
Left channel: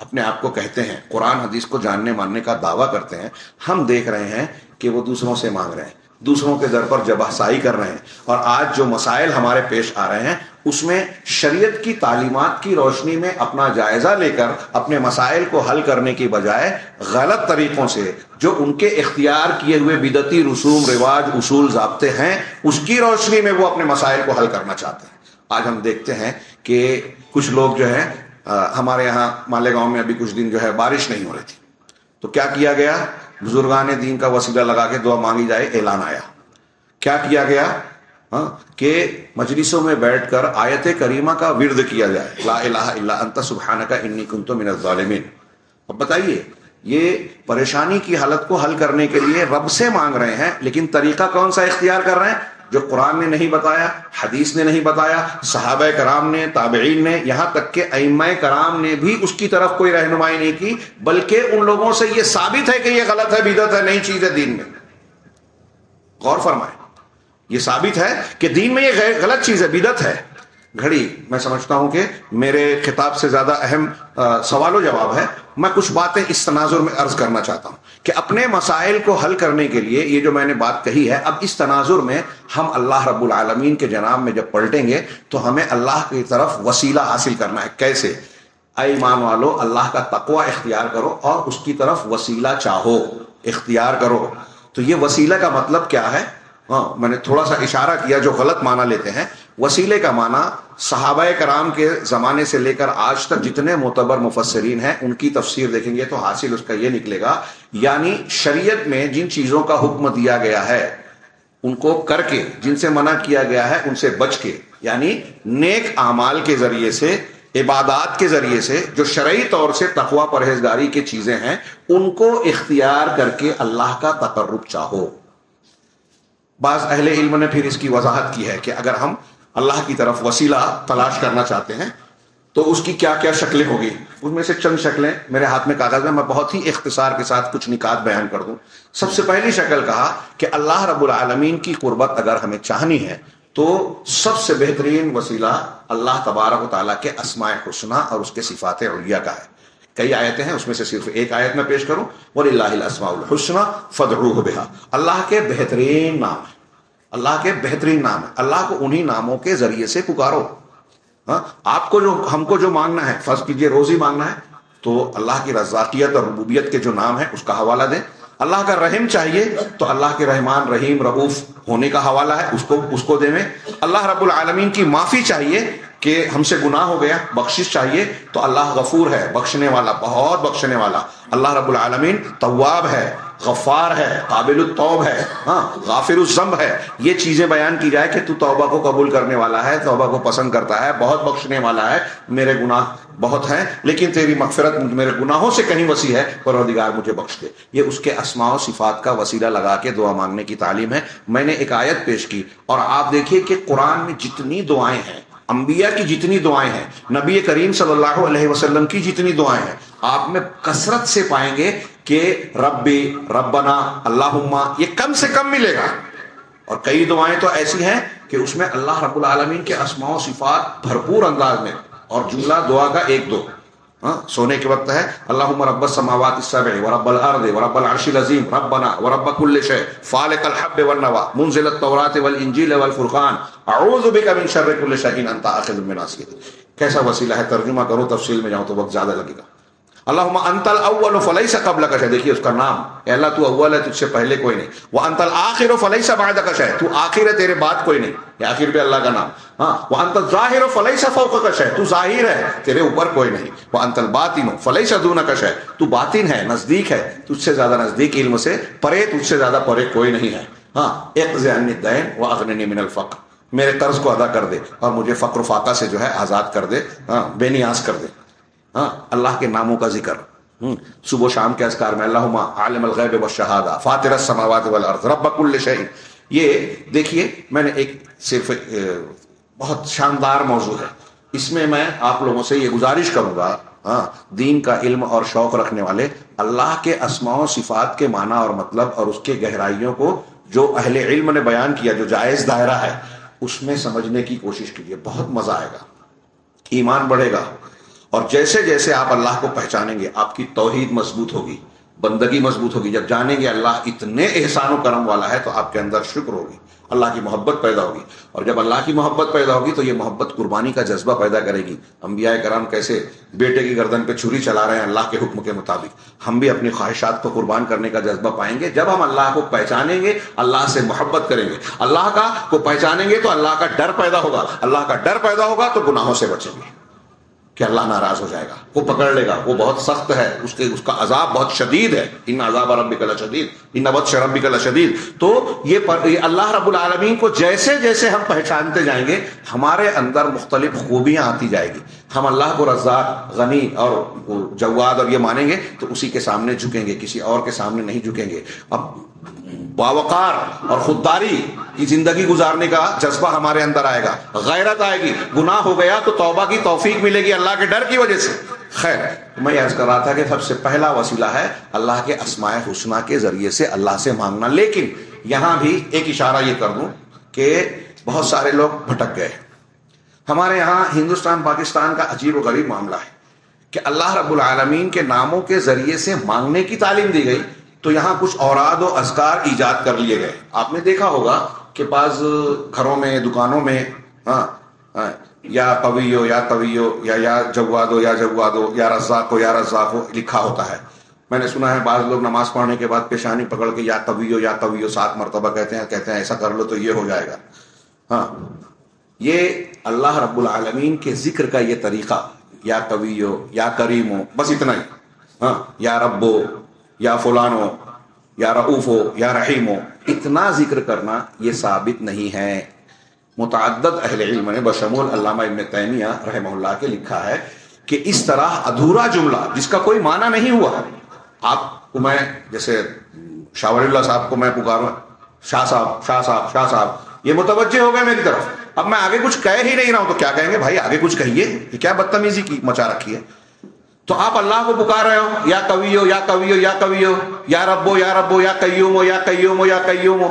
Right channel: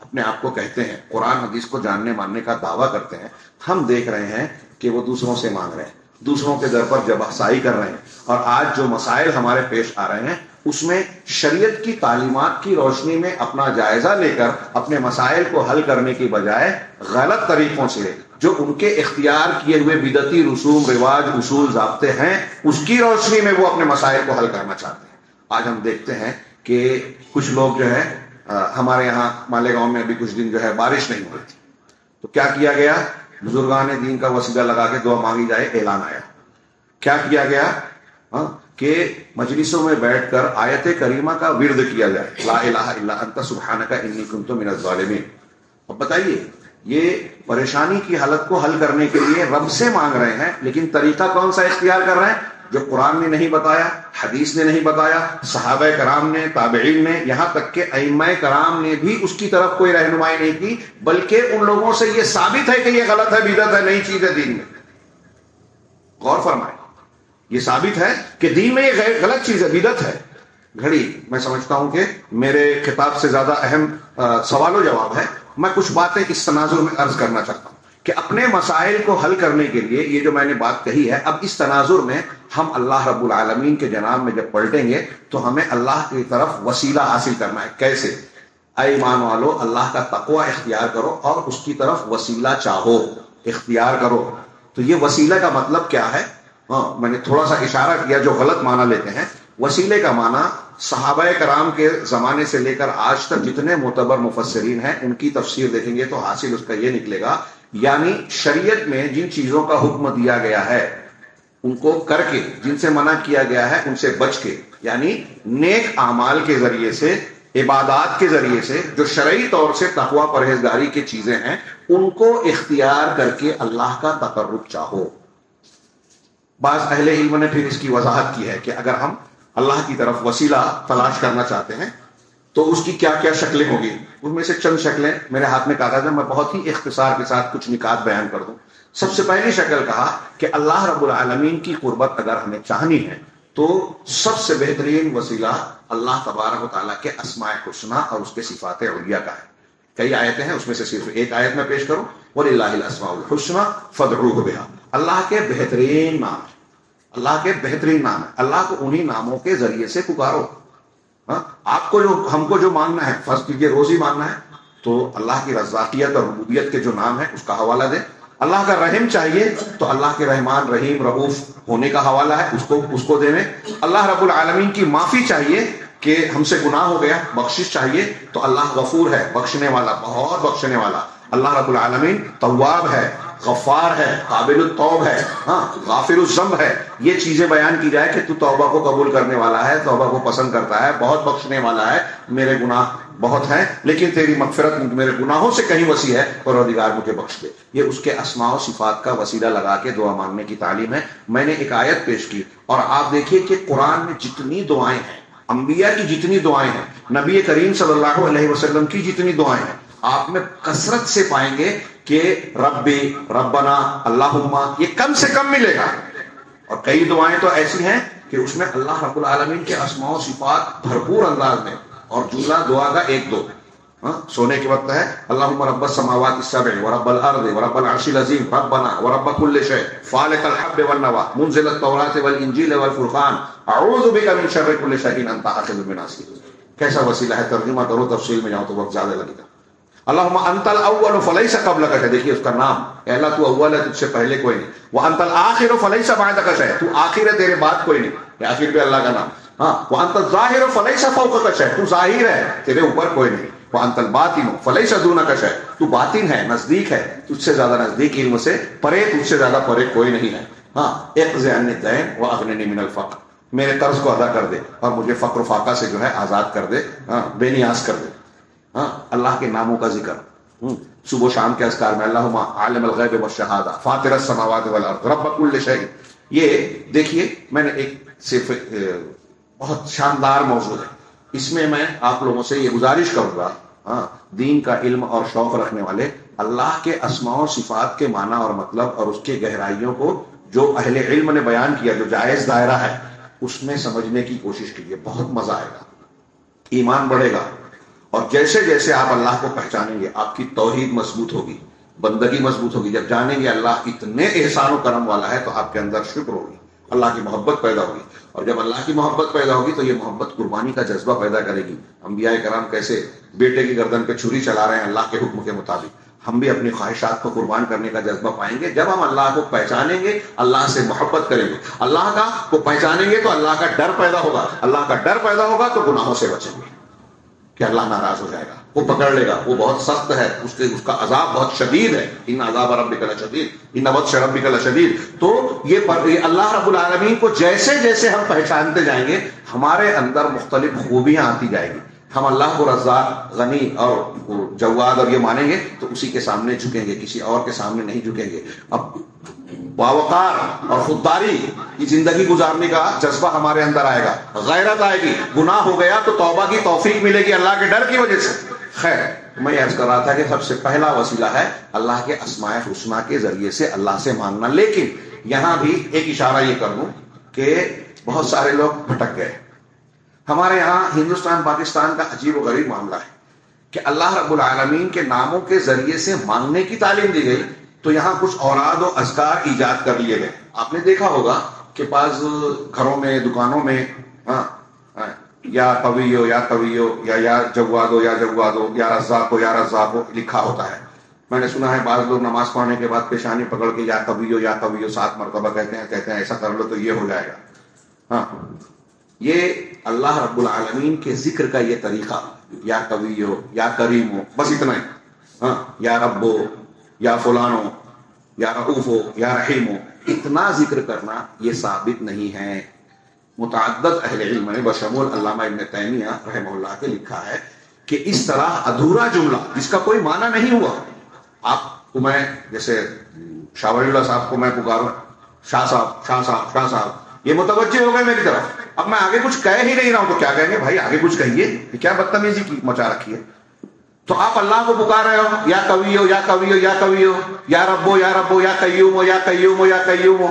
اپنے آپ کو کہتے ہیں, قرآن حدیث کو جاننے ماننے کا دعویٰ کرتے ہیں, ہم دیکھ رہے ہیں کہ وہ دوسروں سے مانگ رہے ہیں, دوسروں کے در پر جبہسائی کر رہے ہیں. اور آج جو مسائل ہمارے پیش آ رہے ہیں اس میں شریعت کی تعلیمات کی روشنی میں اپنا جائزہ لے کر اپنے مسائل کو حل کرنے کی بجائے غلط طریقوں سے جو ان کے اختیار کیے ہوئے بدعتی رسوم رواج اصول ضابطے ہیں اس کی روشنی میں وہ اپنے مسائل کو حل کرنا چاہتے ہیں. آج ہم دیکھتے ہیں کہ کچھ لوگ جو ہے ہمارے یہاں مالیگاؤں میں ابھی کچھ دن جو ہے بارش نہیں ہو رہی تھی تو کیا کیا گیا, بزرگان دین کا وسیلہ لگا کے دعا مانگی جائے, اعلان آیا. کیا کیا گیا کہ مجلسوں میں بیٹھ کر آیت کریمہ کا ورد کیا جائے, لا الہ الا انت سبحانک انی کنت من الظالمین. اب بتائیے یہ پریشانی کی حالت کو حل کرنے کے لیے رب سے مانگ رہے ہیں, لیکن طریقہ کون سا اختیار کر رہے ہیں جو قرآن نے نہیں بتایا, حدیث نے نہیں بتایا, صحابہ کرام نے, تابعین نے, یہاں تک کہ ائمہ کرام نے بھی اس کی طرف کوئی رہنمائی نہیں کی, بلکہ ان لوگوں سے یہ ثابت ہے کہ یہ غلط ہے, بدعت ہے, نئی چیز ہے دین میں. غور فرمائیں, یہ ثابت ہے کہ دین میں یہ غلط چیز ہے, بدعت ہے. گھڑی میں سمجھتا ہوں کہ میرے خطاب سے زیادہ اہم سوال و جواب ہے. میں کچھ باتیں اس تناظر میں عرض کرنا چاہتا ہوں کہ اپنے مسائل کو حل کرنے کے لیے یہ جو میں نے بات کہی ہے, اب اس تناظر میں ہم اللہ رب العالمین کے جناب میں جب پلٹیں گے تو ہمیں اللہ کی طرف وسیلہ حاصل کرنا ہے. کیسے؟ اے ایمان والو, اللہ کا تقوی اختیار کرو اور اس کی طرف وسیلہ چاہو, اختیار کرو. تو یہ وسیلہ کا مطلب کیا ہے؟ میں نے تھوڑا سا اشارہ کیا جو غلط معنی لیتے ہیں. وسیلے کا معنی صحابہ کرام کے زمانے سے لے کر آج تک جتنے معتبر مفسرین ہیں ان کی تفسیر دیکھیں گے تو حاصل اس کا یہ نکلے گا, یعنی شریعت میں جن چیزوں کا حکم دیا گیا ہے ان کو کر کے, جن سے منع کیا گیا ہے ان سے بچ کے, یعنی نیک اعمال کے ذریعے سے, عبادات کے ذریعے سے جو شرعی طور سے تقوی پرہیزگاری کی چیزیں ہیں ان کو اختیار کر کے اللہ کا تقرب چاہو. بعض اہل علم نے پھر اس کی وضاحت کی ہے کہ اگر ہم اللہ کی طرف وسیلہ تلاش کرنا چاہتے ہیں تو اس کی کیا کیا شکلیں ہوگی. ان میں سے چند شکلیں میرے ہاتھ میں کاغذ ہے, میں بہت ہی اختصار کے ساتھ کچھ نکات بیان کر دوں. سب سے پہلی شکل کہا کہ اللہ رب العالمین کی قربت اگر ہمیں چاہنی ہے تو سب سے بہترین وسیلہ اللہ تبارک و تعالیٰ کے اسماء حسنی اور اس کے صفات علیہ کا ہے. کئی آیتیں ہیں, اس میں سے صرف ایک آیت میں پیش کروں, وَلِلَّهِ الْأَسْمَاءُ الْحُسْنَى فَادْعُوهُ بِهَا. اللہ کے بہترین نام ہے, اللہ کے بہترین نام ہے, اللہ کو انہی ناموں کے ذریعے سے پکارو. آپ کو جو, ہم کو جو مانگنا ہے, فرض کیجئے روزی مانگنا ہے تو اللہ کی رزاقیت اور ربوبیت کے جو نام ہے اس کا حوالہ دیں. اللہ کا رحم چاہیے تو اللہ کے رحمان رحیم رؤوف ہونے کا حوالہ ہے, اس کو دیں. اللہ رب العالمین کی معافی چاہیے کہ ہم سے گناہ ہو گیا, بخشش چاہیے تو اللہ غفور ہے, بخشنے والا, بہت بخشنے والا. اللہ رب العالمین تواب ہے, غفار ہے, قابل التوب ہے, غافر الذنب ہے. یہ چیزیں بیان کی جائے کہ تو توبہ کو قبول کرنے والا ہے, توبہ کو پسند کرتا ہے, بہت بخشنے والا ہے, میرے گناہ بہت ہیں لیکن تیری مغفرت میرے گناہوں سے کہیں وسیع ہے, پروردگار مجھے بخش دے. یہ اس کے اسماء و صفات کا وسیلہ لگا کے دعا مانگنے کی تعلیم ہے. میں نے ایک آیت پیش کی اور آپ دیکھیے کہ قرآن میں جتنی دعائیں ہیں, انبیاء کی جتنی دعائیں ہیں, نبی کریم صلی اللہ علیہ وسلم کی جتنی دعائیں ہیں, آپ میں کثرت سے پائیں گے کہ ربی, ربنا, اللہم, یہ کم سے کم ملے گا. اور کئی دعائیں تو ایسی ہیں کہ اس میں اللہ رب العالمین کے اسماء و صفات بھرپور انداز میں, اور جملہ دعا کا ایک دو. سونے کے وقت ہے اللہم رب السماوات السبع ورب الارض ورب العرش العظیم ربنا ورب كل شيء فالق الحب والنوى منزل التوراة والانجیل والفرقان اعوذ بک من شر كل شيء انت آخذ بناصیته. کیسا وسیلہ ہے, ترجمہ کرو, تفصیل میں جاؤ تو وقت زیادہ لگے گا. اللہم انت الاول فلیس قبلک شیء, دیکھیے اس کا نام, اے اللہ تو اول ہے, تجھ سے پہلے کوئی نہیں. وانت الاخر فلیس بعدک شیء, تو آخر ہے, تیرے بعد کوئی نہیں. یہ آخر پہ اللہ کا نام. وانت الظاہر فلیس فوقک شیء, تو ظاہر ہے, تیرے اوپر کوئی نہیں. وانت الباطن فلیس دونک شیء, تو باطن ہے, نزدیک ہے, تجھ سے زیادہ نزدیک علم سے, پرے تجھ سے زیادہ پرے کوئی نہیں ہے. اقض عنی الدین واغننی من الفقر, میرے قرض کو ادا کر دے اور مجھے فقر و فاقہ سے جو ہے آزاد کر دے, بے نیاز کر دے. اللہ کے ناموں کا ذکر صبح و شام کے اذکار میں, اللہم عالم الغیب والشہادہ فاطر السماوات والارض رب کل شیء. یہ دیکھیے میں نے ایک صرف بہت شاندار موضوع ہے. اس میں میں آپ لوگوں سے یہ گزارش کروں گا، دین کا علم اور شوق رکھنے والے، اللہ کے اسماء و صفات کے معنی اور مطلب اور اس کے گہرائیوں کو جو اہل علم نے بیان کیا، جو جائز دائرہ ہے، اس میں سمجھنے کی کوشش کیجیے. بہت مزہ آئے گا، ایمان بڑھے گا. اور جیسے جیسے آپ اللہ کو پہچانیں گے آپ کی توحید مضبوط ہوگی، بندگی مضبوط ہوگی. جب جانیں گے اللہ اتنے احسان و کرم والا ہے تو آپ کے اندر شکر ہوگی، اللہ کی محبت پیدا ہوگی. اور جب اللہ کی محبت پیدا ہوگی تو یہ محبت قربانی کا جذبہ پیدا کرے گی. انبیاء کرام کیسے بیٹے کی گردن پہ چھری چلا رہے ہیں اللہ کے حکم کے مطابق، ہم بھی اپنی خواہشات کو قربان کرنے کا جذبہ پائیں گے جب ہم اللہ کو پہچانیں گے، اللہ سے محبت کریں گے. اللہ کا کو پہچانیں گے تو اللہ کا ڈر پیدا ہوگا، اللہ کا ڈر پیدا ہوگا تو گناہوں سے بچیں گے کہ اللہ ناراض ہو جائے گا، وہ پکڑ لے گا، وہ بہت سخت ہے، اس کا عذاب بہت شدید ہے. ان عذاب ربک لشدید، ان بطش ربک لشدید. تو یہ اللہ رب العالمین کو جیسے جیسے ہم پہچانتے جائیں گے ہمارے اندر مختلف خوبیاں آتی جائے گی. ہم اللہ کو رزاق، غنی اور جواد اور یہ مانیں گے تو اسی کے سامنے جھکیں گے، کسی اور کے سامنے نہیں جھکیں گے. اب باوقار اور خودداری کی زندگی گزارنے کا جذبہ ہمارے اندر آئے گا، غیرت آئے گی. گناہ ہو گیا تو توبہ کی توفیق ملے گی اللہ کے ڈر کی وجہ سے. خیر، میں یہ عرض کر رہا تھا کہ سب سے پہلا وسیلہ ہے اللہ کے اسماء حسنہ کے ذریعے سے اللہ سے مانگنا. لیکن یہاں بھی ایک اشارہ یہ کر دوں کہ بہت سارے لوگ بھٹک گئے. ہمارے یہاں ہندوستان پاکستان کا عجیب و غریب معاملہ ہے کہ اللہ رب العالمین کے ناموں کے ذریعے سے مانگنے کی تعلیم دی گئی تو یہاں کچھ اوراد و اذکار ایجاد کر لیے گئے. آپ نے دیکھا ہوگا کہ بعض گھروں میں، دکانوں میں یا قویو یا قویو یا جوادو یا جوادو یا رزاقو یا رزاقو لکھا ہوتا ہے. میں نے سنا ہے بعض لوگ نماز پڑھنے کے بعد پیشانی پکڑ کے یا قویو 7 مرتبہ کہتے ہیں ایسا کر لو تو یہ ہو جائے گا. یہ اللہ رب العالمین کے ذکر کا یہ طریقہ، یا قویو یا کریمو، بس اتنا ہی، یا ربو یا فلانو یا رؤوفو یا رحیمو، اتنا ذکر کرنا یہ ثابت نہیں ہے. متعدد اہل علم نے بشمول علامہ ابن تیمیہ رحمہ اللہ کے لکھا ہے کہ اس طرح ادھورا جملہ جس کا کوئی معنی نہیں ہوا، آپ کو میں جیسے شاہ ولی اللہ صاحب کو میں پکاروں شاہ صاحب شاہ صاحب شاہ صاحب، یہ متوجہ ہو گئے میری طرف، اب میں آگے کچھ کہہ ہی نہیں رہا ہوں تو کیا کہیں گے بھائی آگے کچھ کہیے، یہ کیا بدتمیزی کی مچا رکھی ہے. تو آپ اللہ کو پکار رہے ہو یا قویو یا قویو یا قویو یا ربو یا ربو یا قیومو یا قیومو یا قیومو،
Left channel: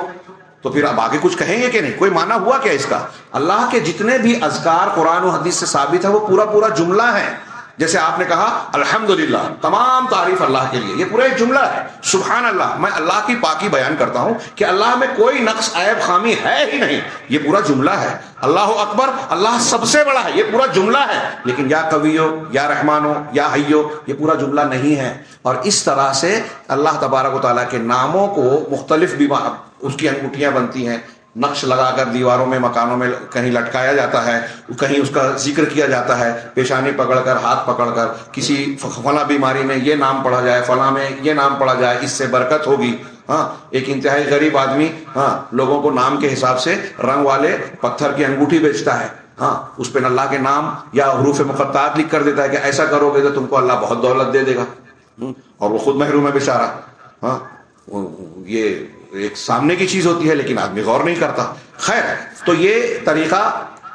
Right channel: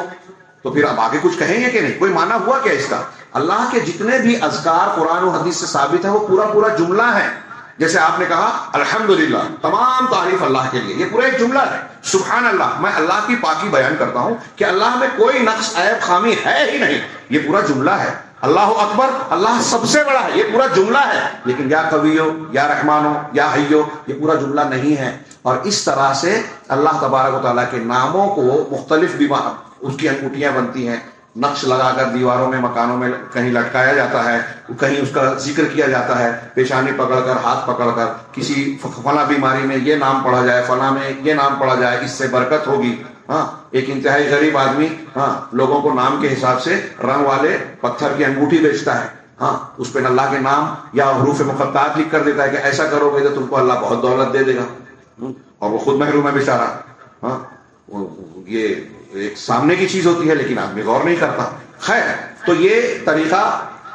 تو پھر آپ آگے کچھ کہیں گے کہ نہیں؟ کوئی معنی ہوا کیا اس کا؟ اللہ کے جتنے بھی اذکار قرآن و حدیث سے ثابت ہے وہ پورا جملہ ہے. جیسے آپ نے کہا الحمدللہ، تمام تعریف اللہ کے لیے، یہ پورا ایک جملہ ہے. سبحان اللہ، میں اللہ کی پاکی بیان کرتا ہوں کہ اللہ میں کوئی نقص، عیب، خامی ہے ہی نہیں، یہ پورا جملہ ہے. اللہ اکبر، اللہ سب سے بڑا ہے، یہ پورا جملہ ہے. لیکن یا قویو یا رحمانو یا حیو یہ پورا جملہ نہیں ہے. اور اس طرح سے اللہ تبارک و تعالیٰ کے ناموں کو مختلف اس کی انگوٹیاں بنتی ہیں، نقش لگا کر دیواروں میں، مکانوں میں کہیں لٹکایا جاتا ہے، کہیں اس کا ذکر کیا جاتا ہے، پیشانی پکڑ کر، ہاتھ پکڑ کر، کسی فلاں بیماری میں یہ نام پڑھا جائے، فلاں میں یہ نام پڑھا جائے، اس سے برکت ہوگی. ایک انتہائی غریب آدمی لوگوں کو نام کے حساب سے رنگ والے پتھر کی انگوٹھی بیچتا ہے، اس پہ اللہ کے نام یا حروف مقطعات لکھ کر دیتا ہے کہ ایسا کرو گے تو تم کو اللہ بہت دولت دے دے گا، اور وہ خود محروم ہے بیچارہ. یہ ایک سامنے کی چیز ہوتی ہے لیکن آدمی غور نہیں کرتا. خیر، تو یہ طریقہ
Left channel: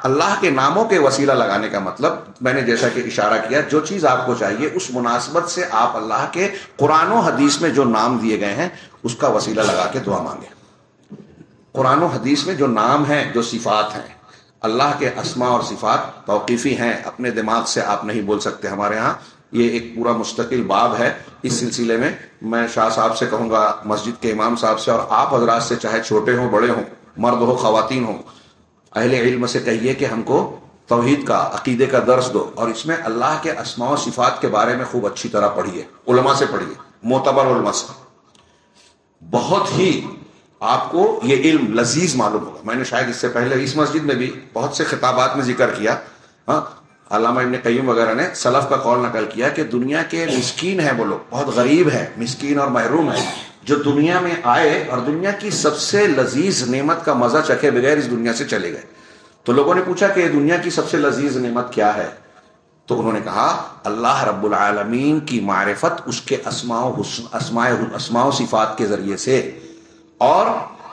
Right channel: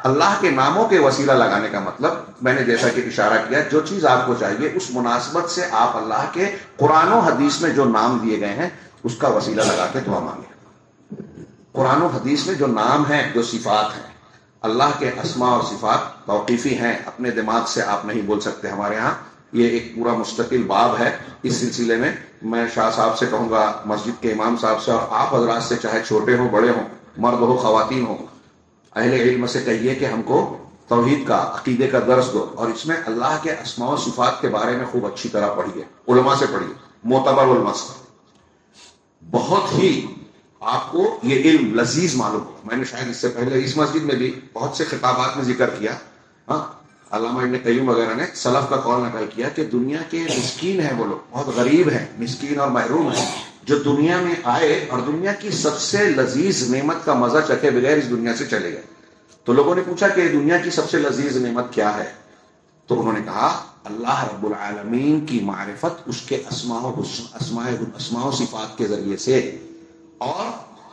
اللہ کے ناموں کے وسیلہ لگانے کا مطلب میں نے جیسا کہ اشارہ کیا، جو چیز آپ کو چاہیے اس مناسبت سے آپ اللہ کے قرآن و حدیث میں جو نام دیے گئے ہیں اس کا وسیلہ لگا کے دعا مانگیں. قرآن و حدیث میں جو نام ہیں، جو صفات ہیں، اللہ کے اسماء اور صفات توقیفی ہیں، اپنے دماغ سے آپ نہیں بول سکتے. ہمارے ہاں یہ ایک پورا مستقل باب ہے. اس سلسلے میں میں شاہ صاحب سے کہوں گا، مسجد کے امام صاحب سے، اور آپ حضرات سے، چاہے چھوٹے ہوں بڑے ہوں، مرد ہو خواتین ہوں، اہل علم سے کہیے کہ ہم کو توحید کا، عقیدے کا درس دو، اور اس میں اللہ کے اسماء و صفات کے بارے میں خوب اچھی طرح پڑھیے، علماء سے پڑھیے، معتبر علماء سے. بہت ہی آپ کو یہ علم لذیذ معلوم ہوگا. میں نے شاید اس سے پہلے اس مسجد میں بھی بہت سے خطابات میں ذکر کیا، علامہ ابن قیم وغیرہ نے سلف کا قول نقل کیا کہ دنیا کے مسکین ہیں وہ لوگ، بہت غریب ہیں، مسکین اور محروم ہیں، جو دنیا میں آئے اور دنیا کی سب سے لذیذ نعمت کا مزہ چکھے بغیر اس دنیا سے چلے گئے. تو لوگوں نے پوچھا کہ دنیا کی سب سے لذیذ نعمت کیا ہے؟ تو انہوں نے کہا اللہ رب العالمین کی معرفت، اس کے اسماء و صفات کے ذریعے سے، اور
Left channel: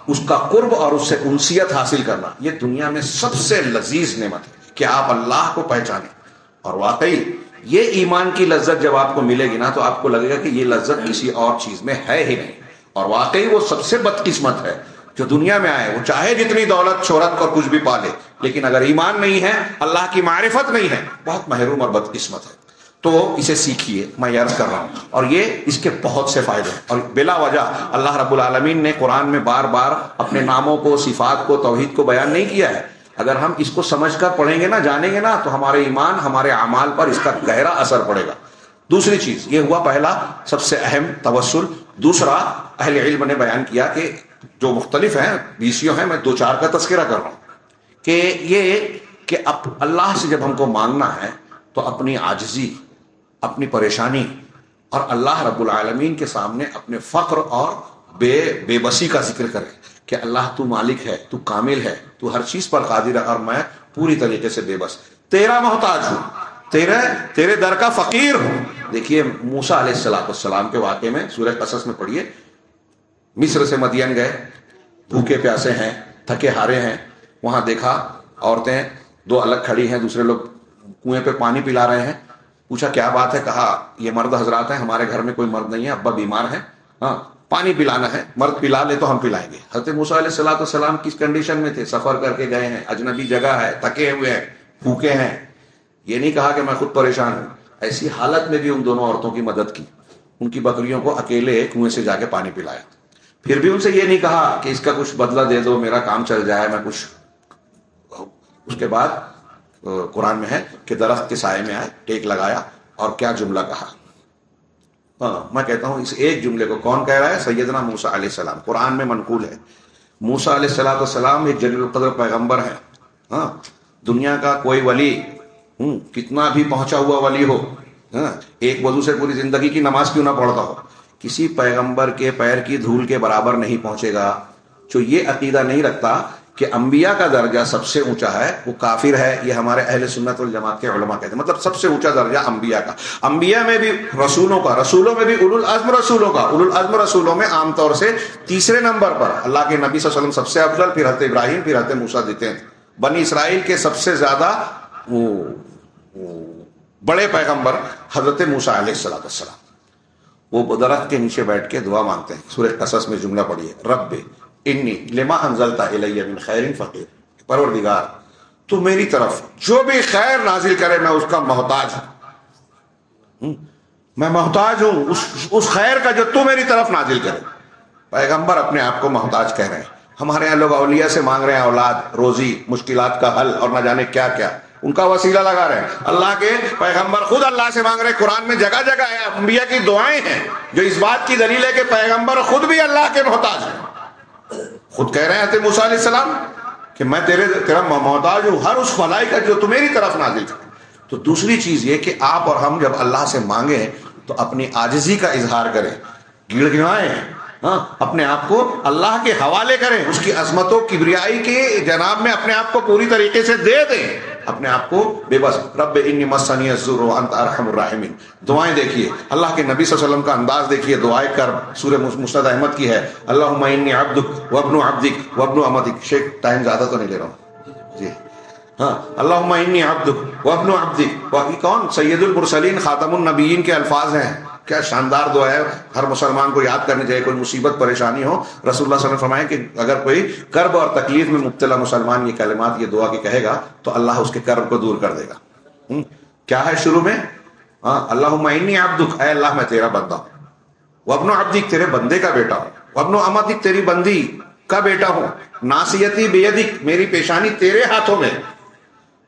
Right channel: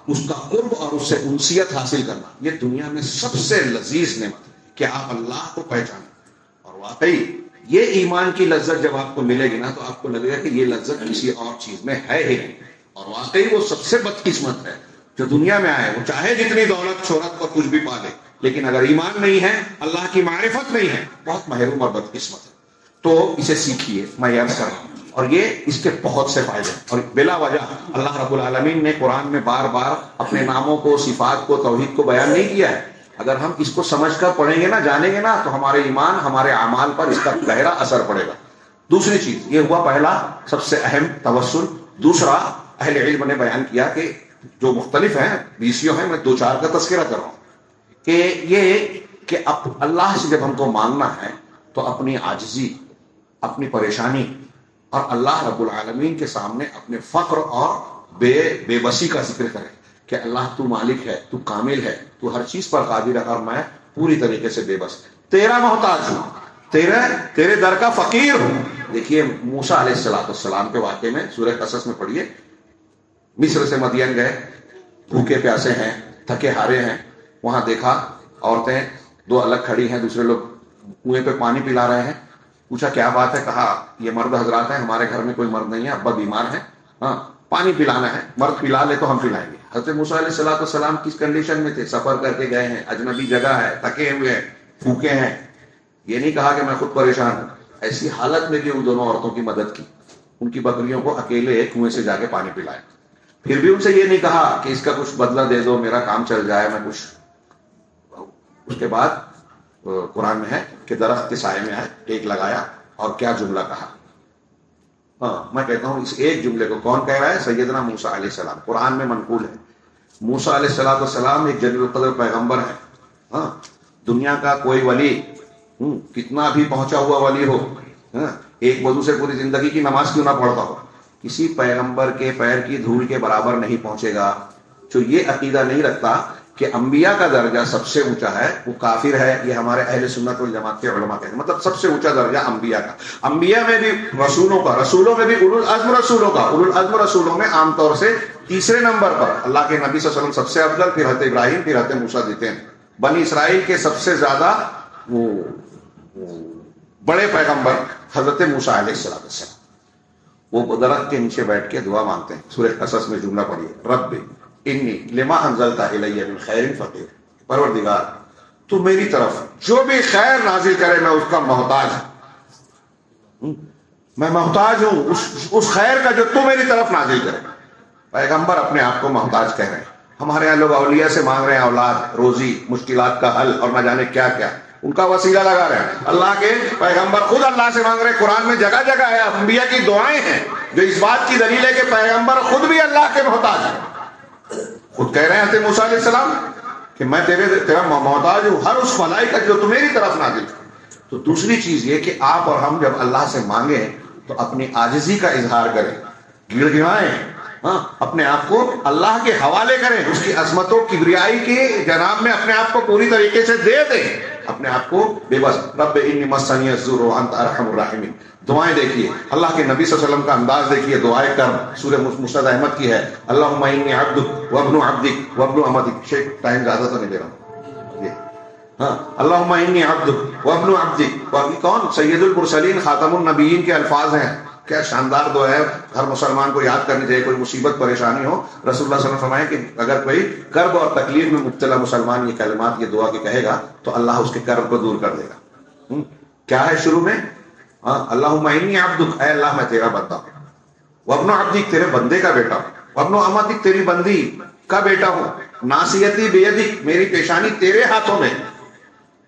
اس کا قرب اور اس سے انسیت حاصل کرنا، یہ دنیا میں سب سے لذیذ نعمت ہے کہ آپ اللہ کو پہچانیں. اور واقعی یہ ایمان کی لذت جب آپ کو ملے گی نا تو آپ کو لگے گا کہ یہ لذت کسی اور چیز میں ہے ہی نہیں. اور واقعی وہ سب سے بدقسمت ہے جو دنیا میں آئے، وہ چاہے جتنی دولت شہرت اور کچھ بھی پالے، لیکن اگر ایمان نہیں ہے، اللہ کی معرفت نہیں ہے، بہت محروم اور بدقسمت ہے. تو اسے سیکھیے، میں عرض کر رہا ہوں. اور یہ اس کے بہت سے فائدے ہیں، اور بلا وجہ اللہ رب العالمین نے قرآن میں بار بار اپنے ناموں کو، صفات کو، توحید کو بیان نہیں کیا ہے. اگر ہم اس کو سمجھ کر پڑھیں گے نا، جانیں گے نا، تو ہمارے ایمان، ہمارے اعمال پر اس کا گہرا اثر پڑے گا. دوسری چیز یہ ہوا، پہلا سب سے اہم توسل. دوسرا اہل علم نے بیان کیا کہ جو مختلف ہیں، 20 ہیں، میں 2-4 کا تذکرہ کر رہا ہوں، کہ یہ کہ اب اللہ سے جب ہم کو مانگنا ہے تو اپنی عاجزی، اپنی پریشانی اور اللہ رب العالمین کے سامنے اپنے فقر اور بے بسی کا ذکر کریں کہ اللہ تو مالک ہے، تو کامل ہے، تو ہر چیز پر قادر ہے، اور میں پوری طریقے سے بے بس، تیرا محتاج ہوں، تیرے در کا فقیر ہوں. دیکھیے موسیٰ علیہ السلام کے واقعے میں سورہ قصص میں پڑھیے، مصر سے مدین گئے، بھوکے پیاسے ہیں، تھکے ہارے ہیں. وہاں دیکھا عورتیں 2 الگ کھڑی ہیں، دوسرے لوگ کنویں پہ پانی پلا رہے ہیں. پوچھا کیا بات ہے؟ کہا یہ مرد حضرات ہیں، ہمارے گھر میں کوئی مرد نہیں ہے، ابا بیمار ہیں، ہاں پانی پلانا ہے، مرد پلا لے تو ہم پلائیں گے. حضرت موسیٰ علیہ السلام کس کنڈیشن میں تھے؟ سفر کر کے گئے ہیں، اجنبی جگہ ہے، تھکے ہوئے ہیں، بھوکے ہیں. یہ نہیں کہا کہ میں خود پریشان ہوں. ایسی حالت میں بھی ان دونوں عورتوں کی مدد کی، ان کی بکریوں کو اکیلے کنویں سے جا کے پانی پلایا. پھر بھی ان سے یہ نہیں کہا کہ اس کا کچھ بدلہ دے دو، میرا کام چل جائے، میں کچھ. اس کے بعد قرآن میں ہے کہ درخت کے سائے میں آئے، ٹیک لگایا، اور کیا جملہ کہا. میں کہتا ہوں اس ایک جملے کو کون کہہ رہا ہے؟ سیدنا موسیٰ علیہ السلام. قرآن میں منقول ہے. موسیٰ علیہ السلام ایک جلیل القدر پیغمبر ہیں. ہاں دنیا کا کوئی ولی، کتنا بھی پہنچا ہوا ولی ہو، ایک وضو سے پوری زندگی کی نماز کیوں نہ پڑھتا ہو، کسی پیغمبر کے پیر کی دھول کے برابر نہیں پہنچے گا. جو یہ عقیدہ نہیں رکھتا کہ انبیاء کا درجہ سب سے اونچا ہے، وہ کافر ہے. یہ ہمارے اہل سنت والجماعت کے علماء کہتے ہیں، مطلب سب سے اونچا درجہ انبیاء کا. انبیاء میں بھی رسولوں میں بھی اولو العزم رسولوں میں عام طور سے تیسرے نمبر پر اللہ کے نبی صلی اللہ علیہ وسلم سب سے افضل، پھر حضرت ابراہیم، پھر حضرت موسیٰ دیتے ہیں. بنی اسرائیل کے سب سے زیادہ بڑے پیغمبر حضرت موسیٰ علیہ السلام. وہ درخت کے نیچے بیٹھ کے دعا مانگتے ہیں. سورہ قصص میں جملہ پڑھیے، رب انی لما انزلت الی من خیر فقیر. پروردگار تو میری طرف جو بھی خیر نازل کرے میں اس کا محتاج ہوں، میں محتاج ہوں اس خیر کا جو تو میری طرف نازل کرے. پیغمبر اپنے آپ کو محتاج کہہ رہے ہیں. ہمارے یہاں لوگ اولیاء سے مانگ رہے ہیں اولاد، روزی، مشکلات کا حل، اور نہ جانے کیا کیا، ان کا وسیلہ لگا رہے ہیں. اللہ کے پیغمبر خود اللہ سے مانگ رہے ہیں. قرآن میں جگہ جگہ ہے، انبیاء کی دعائیں ہیں جو اس بات کی دلیل ہے کہ پیغمبر خود بھی اللہ کے محتاج ہیں. خود کہہ رہے ہیں حضرت موسیٰ علیہ السلام کہ میں تیرا محتاج ہوں ہر اس بھلائی کا جو تو میری طرف نازل کر. تو دوسری چیز یہ کہ آپ اور ہم جب اللہ سے مانگیں تو اپنی عاجزی کا اظہار کریں، گڑ گڑائیں، اپنے آپ کو اللہ کے حوالے کریں، اس کی عظمت و کبریائی کے جناب میں اپنے آپ کو پوری طریقے سے دے دیں، اپنے آپ کو بے بس. رب انی مسنی الضر وانت ارحم الراحمین. دعائیں دیکھیے، اللہ کے نبی صلی اللہ علیہ وسلم کا انداز دیکھیے. دعائیں کر سورہ مسند احمد کی ہے، اللہم انی عبدک وابن عبدک وابن امتک. شیخ ٹائم زیادہ تو نہیں لے رہا ہوں جی. ہاں اللہم انی عبدک وابن عبدک. باقی کون؟ سید المرسلین، خاتم النبیین کے الفاظ ہیں. کیا شاندار دعا ہے، ہر مسلمان کو یاد کرنی چاہیے. کوئی مصیبت پریشانی ہو، رسول اللہ صلی اللہ علیہ وسلم فرمائے کہ اگر کوئی کرب اور تکلیف میں مبتلا مسلمان یہ کلمات، یہ دعا کی کہے گا تو اللہ اس کے کرب کو دور کر دے گا. کیا ہے شروع میں؟ اللہم انی عبدک، اے اللہ میں تیرا بندہ ہوں، وابن عبدک، تیرے بندے کا بیٹا ہوں، وابن امتک، تیری بندی کا بیٹا ہوں، ناصیتی بیدک، میری پیشانی تیرے ہاتھوں میں،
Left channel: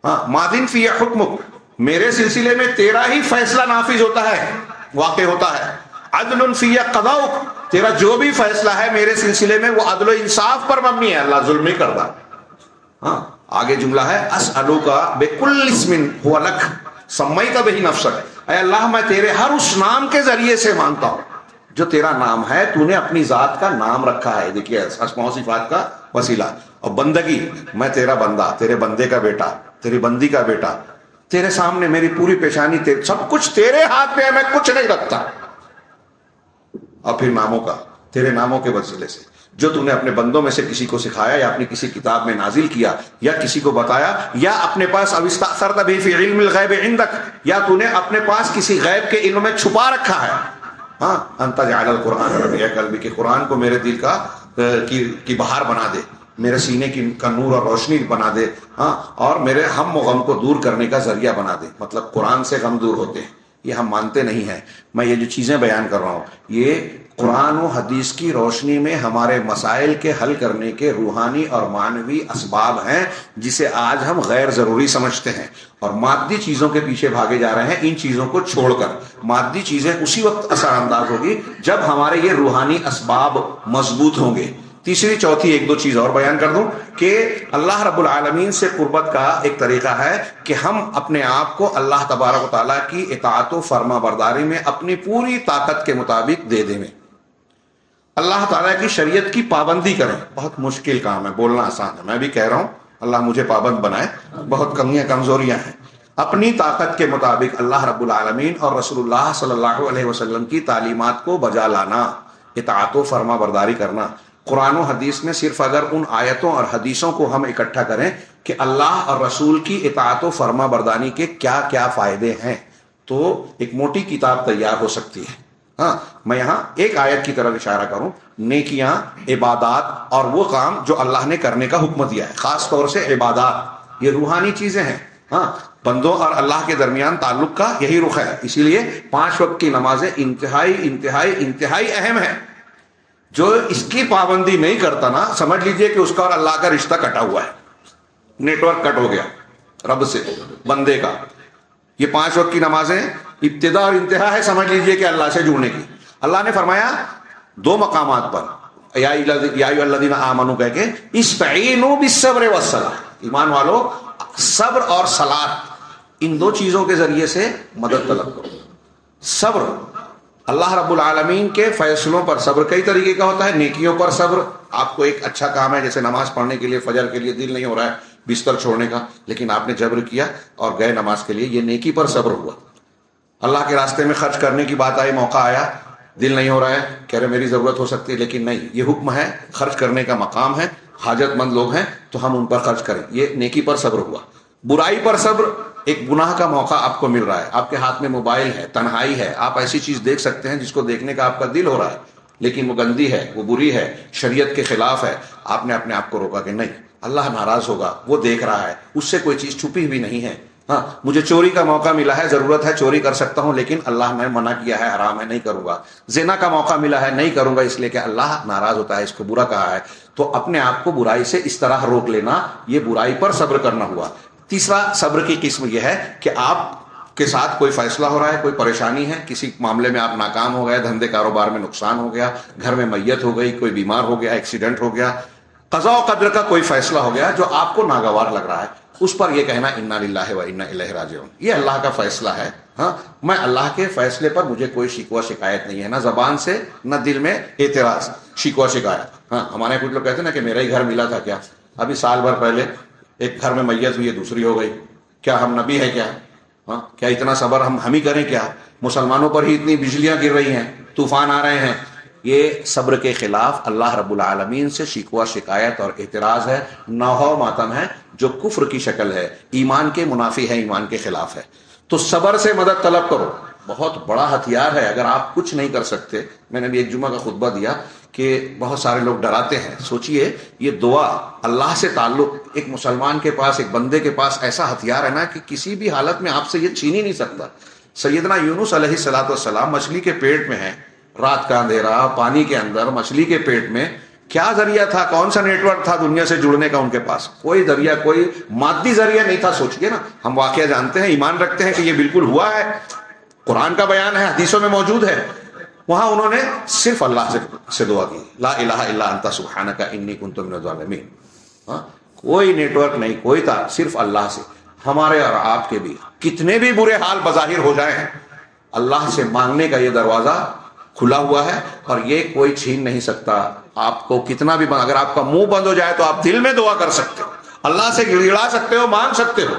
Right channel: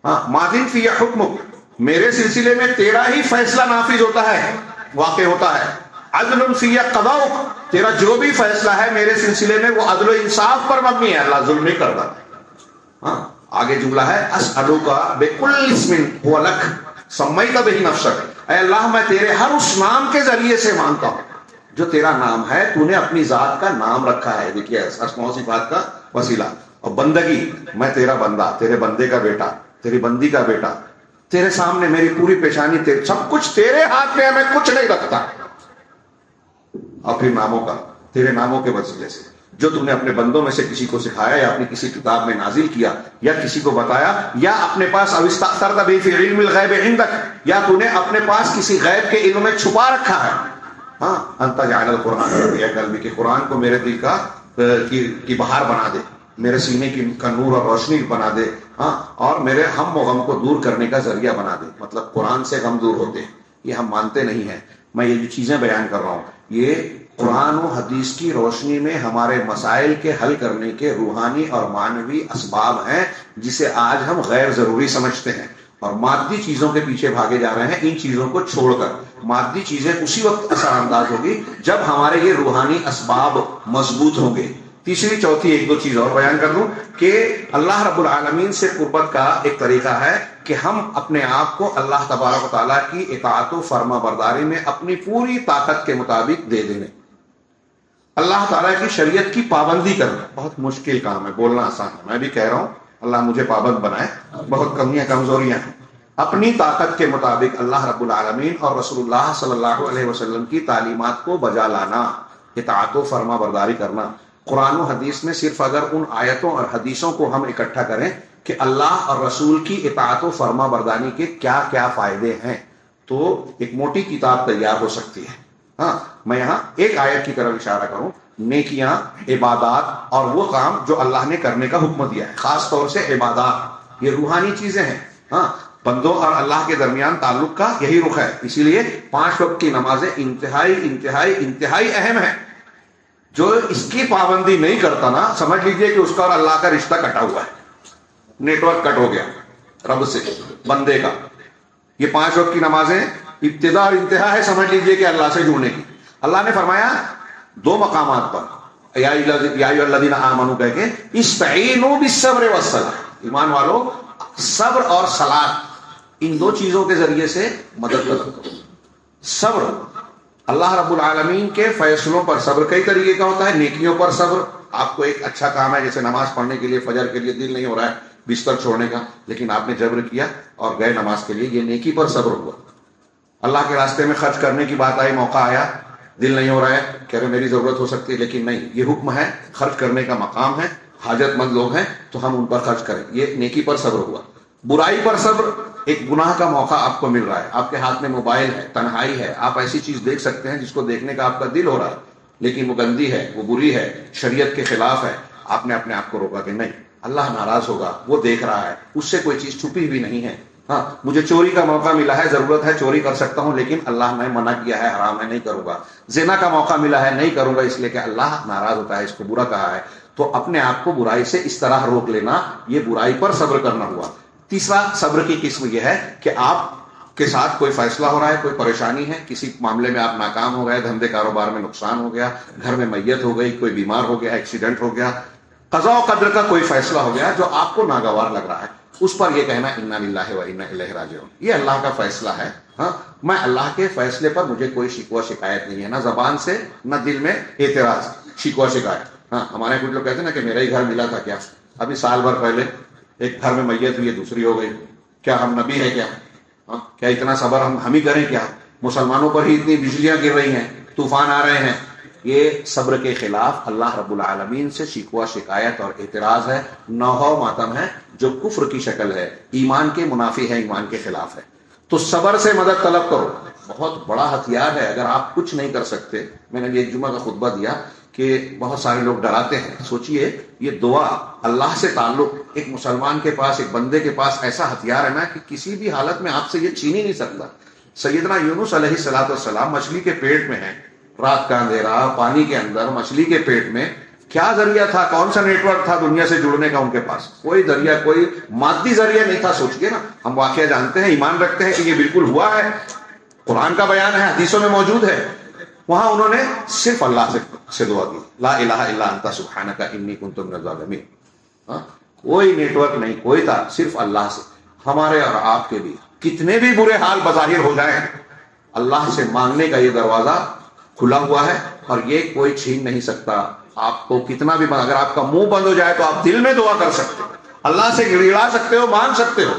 ماضٍ فی حکمک، میرے سلسلے میں تیرا ہی فیصلہ نافذ ہوتا ہے، واقع ہوتا ہے. عدل فی قضاؤک، تیرا جو بھی فیصلہ ہے میرے سلسلے میں وہ عدل و انصاف پر مبنی ہے، اللہ ظلم نہیں کرتا. آگے جملہ ہے، اسألک بکل اسم هو لک سمیت بہ نفسک، اے اللہ میں تیرے ہر اس نام کے ذریعے سے مانتا ہوں جو تیرا نام ہے، تو نے اپنی ذات کا نام رکھا ہے. دیکھیے اسماء و صفات کا وسیلہ. اور بندگی، میں تیرا بندہ، تیرے بندے کا بیٹا، تیری بندی کا بیٹا، تیرے سامنے میری پوری پیشانی، سب کچھ تیرے ہاتھ میں ہے، میں کچھ نہیں رکھتا. اور پھر ناموں کا، تیرے ناموں کے وسیلے سے جو تو نے اپنے بندوں میں سے کسی کو سکھایا یا اپنی کسی کتاب میں نازل کیا یا کسی کو بتایا یا اپنے پاس او استأثرت به فی علم الغیب عندک یا تو نے اپنے پاس کسی غیب کے علم میں چھپا رکھا ہے. ہاں ان تجعل القرآن ربیع قلبی کہ قرآن کو میرے دل کا کی بہار بنا دے, میرے سینے کا نور اور روشنی بنا دے, ہاں اور میرے ہم و غم کو دور کرنے کا ذریعہ بنا دے. مطلب قرآن سے غم دور ہوتے ہیں, یہ ہم مانتے نہیں ہیں. میں یہ جو چیزیں بیان کر رہا ہوں یہ قرآن و حدیث کی روشنی میں ہمارے مسائل کے حل کرنے کے روحانی اور معنوی اسباب ہیں, جسے آج ہم غیر ضروری سمجھتے ہیں اور مادی چیزوں کے پیچھے بھاگے جا رہے ہیں. ان چیزوں کو چھوڑ کر مادی چیزیں اسی وقت اثر انداز ہوگی جب ہمارے یہ روحانی اسباب مضبوط ہوں گے. تیسری چوتھی ایک دو چیز اور بیان کر دوں کہ اللہ رب العالمین سے قربت کا ایک طریقہ ہے کہ ہم اپنے آپ کو اللہ تبارک و تعالیٰ کی اطاعت و فرما برداری میں اپنی پوری طاقت کے مطابق دے دیں. اللہ تعالیٰ کی شریعت کی پابندی کریں. بہت مشکل کام ہے, بولنا آسان ہے, میں بھی کہہ رہا ہوں اللہ مجھے پابند بنائے, بہت کمیاں کمزوریاں ہیں. اپنی طاقت کے مطابق اللہ رب العالمین اور رسول اللہ صلی اللہ علیہ وسلم کی تعلیمات کو بجا لانا, اطاعت و فرما برداری کرنا. قرآن و حدیث میں صرف اگر ان آیتوں اور حدیثوں کو ہم اکٹھا کریں کہ اللہ اور رسول کی اطاعت و فرما برداری کے کیا کیا فائدے ہیں تو ایک موٹی کتاب تیار ہو سکتی ہے. ہاں میں یہاں ایک آیت کی طرف اشارہ کروں, نیکیاں, عبادات اور وہ کام جو اللہ نے کرنے کا حکم دیا ہے, خاص طور سے عبادات, یہ روحانی چیزیں ہیں. ہاں بندوں اور اللہ کے درمیان تعلق کا یہی رخ ہے. اسی لیے 5 وقت کی نمازیں انتہائی انتہائی انتہائی اہم ہیں. جو اس کی پابندی نہیں کرتا نا, سمجھ لیجئے کہ اس کا اور اللہ کا رشتہ کٹا ہوا ہے, نیٹ ورک کٹ ہو گیا رب سے بندے کا. یہ 5 وقت کی نمازیں ابتدا اور انتہا ہے, سمجھ لیجئے کہ اللہ سے جڑنے کی. اللہ نے فرمایا 2 مقامات پر یا ایھا الذین آمنوا کہہ کے استعینوا بالصبر والصلاۃ, ایمان والو صبر اور صلاۃ ان 2 چیزوں کے ذریعے سے مدد طلب کرو. صبر, اللہ رب العالمین کے فیصلوں پر صبر کئی طریقے کا ہوتا ہے. نیکیوں پر صبر, آپ کو ایک اچھا کام ہے جیسے نماز پڑھنے کے لیے فجر کے لیے دل نہیں ہو رہا ہے بستر چھوڑنے کا, لیکن آپ نے جبر کیا اور گئے نماز کے لیے, یہ نیکی پر صبر ہوا. اللہ کے راستے میں خرچ کرنے کی بات آئی, موقع آیا, دل نہیں ہو رہا ہے, کہہ رہے میری ضرورت ہو سکتی ہے لیکن نہیں, یہ حکم ہے, خرچ کرنے کا مقام ہے, حاجت مند لوگ ہیں تو ہم ان پر خرچ کریں, یہ نیکی پر صبر ہوا. برائی پر صبر, ایک گناہ کا موقع آپ کو مل رہا ہے, آپ کے ہاتھ میں موبائل ہے, تنہائی ہے, آپ ایسی چیز دیکھ سکتے ہیں جس کو دیکھنے کا آپ کا دل ہو رہا ہے لیکن وہ گندی ہے, وہ بری ہے, شریعت کے خلاف ہے. آپ نے اپنے آپ کو روکا کہ نہیں, اللہ ناراض ہوگا, وہ دیکھ رہا ہے, اس سے کوئی چیز چھپی ہوئی نہیں ہے. ہاں مجھے چوری کا موقع ملا ہے, ضرورت ہے, چوری کر سکتا ہوں لیکن اللہ نے منع کیا ہے, حرام ہے, نہیں کروں گا. زنا کا موقع ملا ہے, نہیں کروں گا اس لیے کہ اللہ ناراض ہوتا ہے, اس کو برا کہا ہے. تو اپنے آپ کو برائی سے اس طرح روک لینا, یہ برائی پر صبر کرنا ہوا. تیسرا صبر کی قسم یہ ہے کہ آپ کے ساتھ کوئی فیصلہ ہو رہا ہے, کوئی پریشانی ہے, کسی معاملے میں آپ ناکام ہو گئے, دھندے کاروبار میں نقصان ہو گیا, گھر میں میت ہو گئی, کوئی بیمار ہو گیا, ایکسیڈنٹ ہو گیا, قضاء و قدر کا کوئی فیصلہ ہو گیا جو آپ کو ناگوار لگ رہا ہے, اس پر یہ کہنا انا للہ و انا الیہ راجعون, یہ اللہ کا فیصلہ ہے. ہاں میں اللہ کے فیصلے پر مجھے کوئی شکوہ شکایت نہیں ہے, نہ زبان سے نہ دل میں اعتراض, شکوہ شکایت. ہاں ہمارے کچھ لوگ کہتے ہیں نا کہ میرا ہی گھر ملا تھا کیا, ابھی سال بھر پہلے ایک گھر میں میت ہوئی ہے, دوسری ہو گئی, کیا ہم نبی ہیں کیا؟ ہاں کیا اتنا صبر ہم ہی کریں کیا؟ مسلمانوں پر ہی اتنی بجلیاں گر رہی ہیں, طوفان آ رہے ہیں. یہ صبر کے خلاف اللہ رب العالمین سے شکوہ شکایت اور اعتراض ہے, نوحہ ماتم ہے جو کفر کی شکل ہے, ایمان کے منافی ہے, ایمان کے خلاف ہے. تو صبر سے مدد طلب کرو, بہت بڑا ہتھیار ہے. اگر آپ کچھ نہیں کر سکتے, میں نے بھی ایک جمعہ کا خطبہ دیا کہ بہت سارے لوگ ڈراتے ہیں, سوچئے یہ دعا, اللہ سے تعلق, ایک مسلمان کے پاس, ایک بندے کے پاس ایسا ہتھیار ہے نا کہ کسی بھی حالت میں آپ سے یہ چھین ہی نہیں سکتا. سیدنا یونس علیہ السلام مچھلی کے پیٹ میں ہیں, رات کا اندھیرا, پانی کے اندر, مچھلی کے پیٹ میں, کیا ذریعہ تھا, کون سا نیٹ ورک تھا دنیا سے جڑنے کا ان کے پاس؟ کوئی ذریعہ, کوئی مادی ذریعہ نہیں تھا. سوچئے نا, ہم واقعہ جانتے ہیں, ایمان رکھتے ہیں کہ یہ بالکل ہوا ہے, قرآن کا بیان ہے, حدیثوں میں موجود ہے. وہاں انہوں نے صرف اللہ سے دعا کی, لا الہ الا انت سبحانک انی کنت من الظالمین. کوئی نیٹ ورک نہیں, کوئی تھا, صرف اللہ سے. ہمارے اور آپ کے بھی کتنے بھی برے حال بظاہر ہو جائیں, اللہ سے مانگنے کا یہ دروازہ کھلا ہوا ہے اور یہ کوئی چھین نہیں سکتا. آپ کو کتنا بھی, اگر آپ کا منہ بند ہو جائے تو آپ دل میں دعا کر سکتے ہو, اللہ سے گڑگڑا سکتے ہو, مانگ سکتے ہو.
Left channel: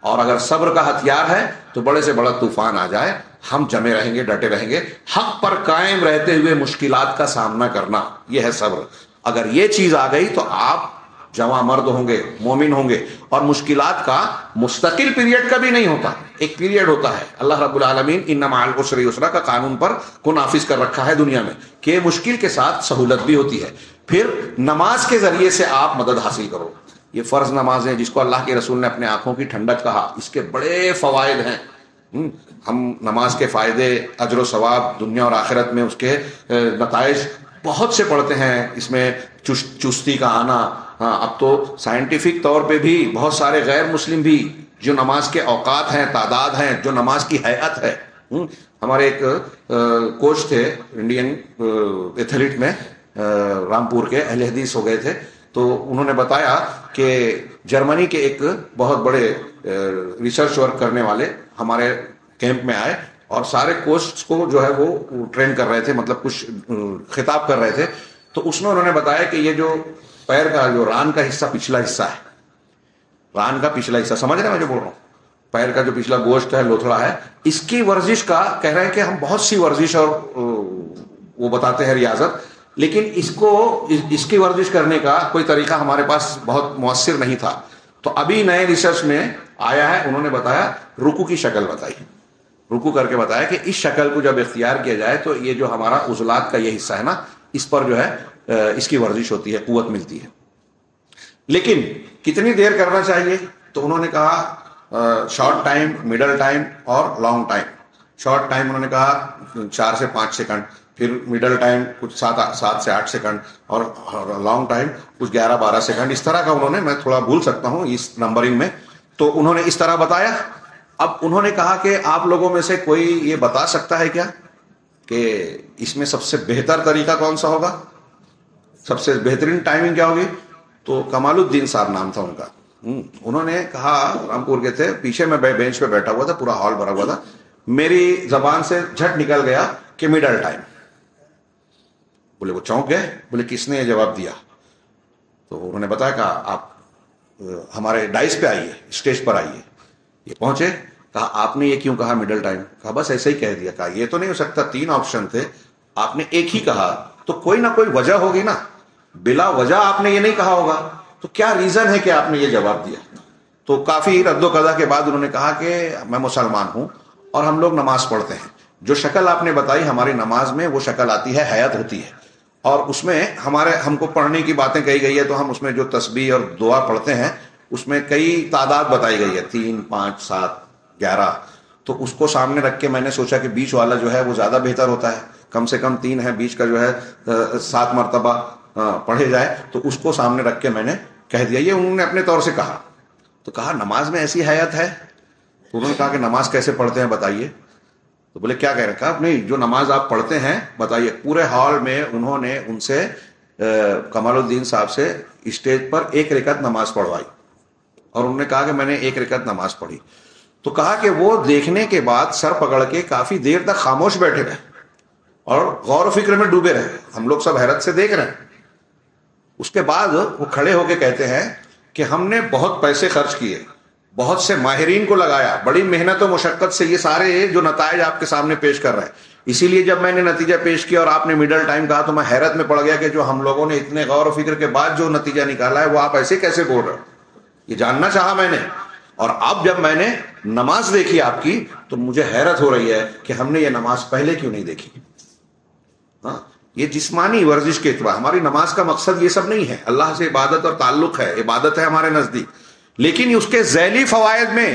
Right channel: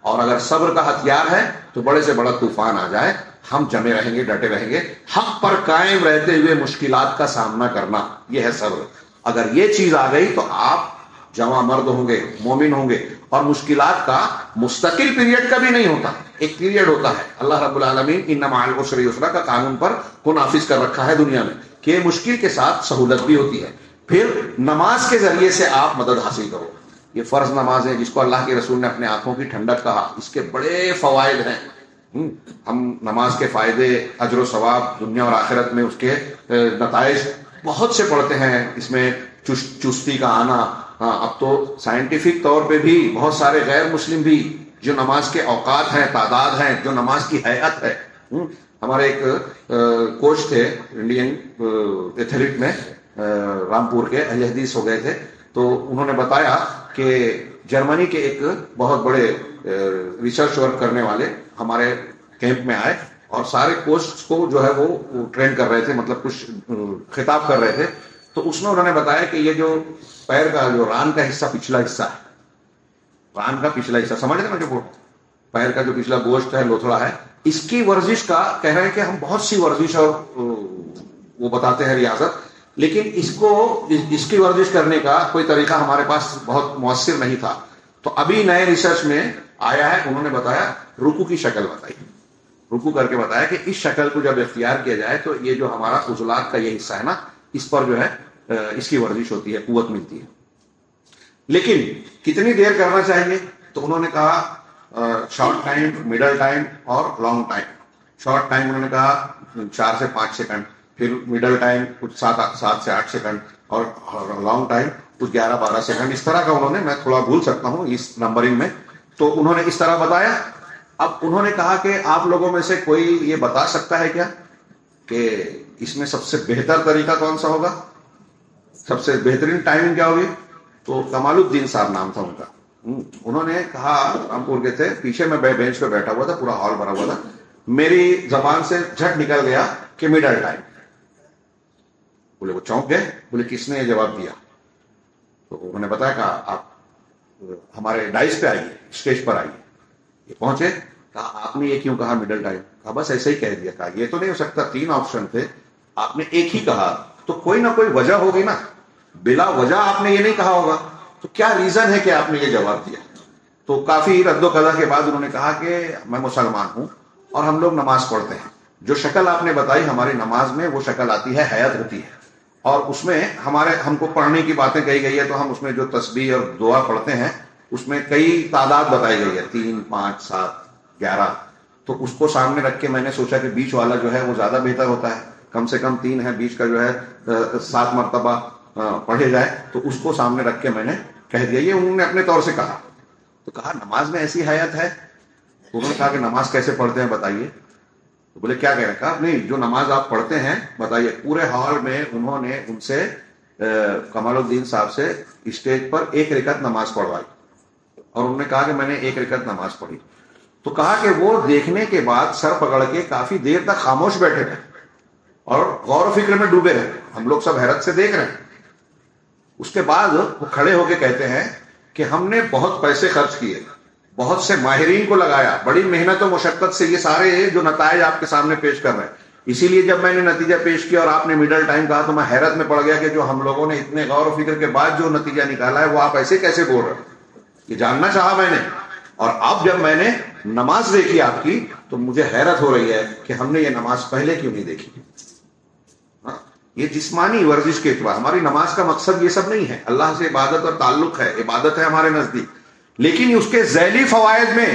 اور اگر صبر کا ہتھیار ہے تو بڑے سے بڑا طوفان آ جائے, ہم جمے رہیں گے, ڈٹے رہیں گے, حق پر قائم رہتے ہوئے مشکلات کا سامنا کرنا, یہ ہے صبر. اگر یہ چیز آ گئی تو آپ جواں مرد ہوں گے، مومن ہوں گے، اور مشکلات کا مستقل پیریڈ کا بھی نہیں ہوتا، ایک پیریڈ ہوتا ہے۔ اللہ رب العالمین ان مع العسر یسرا کا قانون پر کو نافذ کر رکھا ہے دنیا میں کہ مشکل کے ساتھ سہولت بھی ہوتی ہے۔ پھر نماز کے ذریعے سے آپ مدد حاصل کرو۔ یہ فرض نماز ہے جس کو اللہ کے رسول نے اپنے آنکھوں کی ٹھنڈک کہا، اس کے بڑے فوائد ہیں۔ ہم نماز کے فائدے، اجر و ثواب دنیا اور آخرت میں اس کے نتائج بہت سے پڑھتے ہیں۔ اس میں چستی کا آنا، اب تو سائنٹیفک طور پہ بھی بہت سارے غیر مسلم بھی جو نماز کے اوقات ہیں، تعداد ہیں، جو نماز کی ہیئت ہے۔ ہمارے ایک کوچ تھے انڈین ایتھلیٹ میں، رامپور کے، اہل حدیث ہو گئے تھے، تو انہوں نے بتایا کہ جرمنی کے ایک بہت بڑے ریسرچ ورک کرنے والے ہمارے کیمپ میں آئے اور سارے کوچ کو جو ہے وہ ٹرین کر رہے تھے، مطلب کچھ خطاب کر رہے تھے۔ تو اس میں انہوں نے بتایا کہ یہ جو پیر کا جو ران کا حصہ، پچھلا حصہ ہے، ران کا پچھلا حصہ، سمجھ رہے ہیں میں جو بول رہا ہوں، پیر کا جو پچھلا گوشت ہے، لوتھڑا ہے، اس کی ورزش کا کہہ رہے ہیں کہ ہم بہت سی ورزش اور وہ بتاتے ہیں ریاضت، لیکن اس کی ورزش کرنے کا کوئی طریقہ ہمارے پاس بہت مؤثر نہیں تھا۔ تو ابھی نئے ریسرچ میں آیا ہے، انہوں نے بتایا رکوع کی شکل بتائی، رکوع کر کے بتایا کہ اس شکل کو جب اختیار کیا جائے تو یہ جو ہمارا عضلات کا یہ حصہ ہے نا، اس پر جو ہے اس کی ورزش ہوتی ہے، قوت ملتی ہے۔ لیکن کتنی دیر کرنا چاہیے؟ تو انہوں نے کہا شارٹ ٹائم، مڈل ٹائم اور لانگ ٹائم۔ شارٹ ٹائم انہوں نے کہا 4 سے 5 سیکنڈ، پھر مڈل ٹائم کچھ 7 سے 8 سیکنڈ، اور لانگ ٹائم کچھ 11-12 سیکنڈ، اس طرح کا انہوں نے، میں تھوڑا بھول سکتا ہوں اس نمبرنگ میں، تو انہوں نے اس طرح بتایا۔ اب انہوں نے کہا کہ آپ لوگوں میں سے کوئی یہ بتا سکتا ہے کیا کہ اس میں سب سے بہتر طریقہ کون سا ہوگا، سب سے بہترین ٹائمنگ کیا ہوگی؟ تو کمال الدین صاحب نام تھا ان کا، انہوں نے کہا، رامپور کے تھے، پیچھے میں بینچ پہ بیٹھا ہوا تھا، پورا ہال بھرا ہوا تھا، میری زبان سے جھٹ نکل گیا کہ مڈل ٹائم۔ بولے وہ چونک گئے، بولے کس نے یہ جواب دیا؟ تو انہوں نے بتایا کہ آپ ہمارے ڈائس پہ آئیے، اسٹیج پر آئیے۔ یہ پہنچے، کہا آپ نے یہ کیوں کہا مڈل ٹائم؟ کہا بس ایسے ہی کہہ دیا۔ کہا یہ تو نہیں ہو سکتا، 3 آپشن تھے، آپ نے ایک ہی کہا، تو کوئی نہ کوئی وجہ ہوگی نا، بلا وجہ آپ نے یہ نہیں کہا ہوگا، تو کیا ریزن ہے کہ آپ نے یہ جواب دیا؟ تو کافی رد و قضا کے بعد انہوں نے کہا کہ میں مسلمان ہوں اور ہم لوگ نماز پڑھتے ہیں، جو شکل آپ نے بتائی ہماری نماز میں وہ شکل آتی ہے، حیات ہوتی ہے، اور اس میں ہم کو پڑھنے کی باتیں کہی گئی ہے، تو ہم اس میں جو تسبیح اور دعا پڑھتے ہیں اس میں کئی تعداد بتائی گئی ہے، 3، 5، 7، 11۔ تو اس کو سامنے رکھ کے میں نے سوچا کہ بیچ والا جو ہے وہ زیادہ بہتر ہوتا ہے، کم سے کم 3 ہے، بیچ کا جو ہے 7 مرتبہ پڑھے جائے، تو اس کو سامنے رکھ کے میں نے کہہ دیا۔ یہ انہوں نے اپنے طور سے کہا۔ تو کہا نماز میں ایسی حیات ہے؟ تو انہوں نے کہا کہ نماز کیسے پڑھتے ہیں بتائیے؟ تو بولے کیا کہہ رہے ہیں؟ کہا نہیں، جو نماز آپ پڑھتے ہیں بتائیے۔ پورے ہال میں انہوں نے ان سے کمال الدین صاحب سے اسٹیج پر 1 رکعت نماز پڑھوائی، اور انہوں نے کہا کہ میں نے 1 رکعت نماز پڑھی۔ تو کہا کہ وہ دیکھنے کے بعد سر پکڑ کے کافی دیر تک خاموش بیٹھے رہے اور غور و فکر میں ڈوبے رہے، ہم لوگ سب حیرت سے دیکھ رہے ہیں۔ اس کے بعد وہ کھڑے ہو کے کہتے ہیں کہ ہم نے بہت پیسے خرچ کیے، بہت سے ماہرین کو لگایا، بڑی محنت و مشقت سے یہ سارے جو نتائج آپ کے سامنے پیش کر رہے ہیں، اسی لیے جب میں نے نتیجہ پیش کیا اور آپ نے مڈل ٹائم کہا تو میں حیرت میں پڑ گیا کہ جو ہم لوگوں نے اتنے غور و فکر کے بعد جو نتیجہ نکالا ہے وہ آپ ایسے کیسے بول رہے ہیں، یہ جاننا چاہا میں نے۔ اور اب جب میں نے نماز دیکھی آپ کی تو مجھے حیرت ہو رہی ہے کہ ہم نے یہ نماز پہلے کیوں نہیں دیکھی۔ یہ جسمانی ورزش کے اعتبار، ہماری نماز کا مقصد یہ سب نہیں ہے، اللہ سے عبادت اور تعلق ہے، عبادت ہے ہمارے نزدیک، لیکن اس کے ذیلی فوائد میں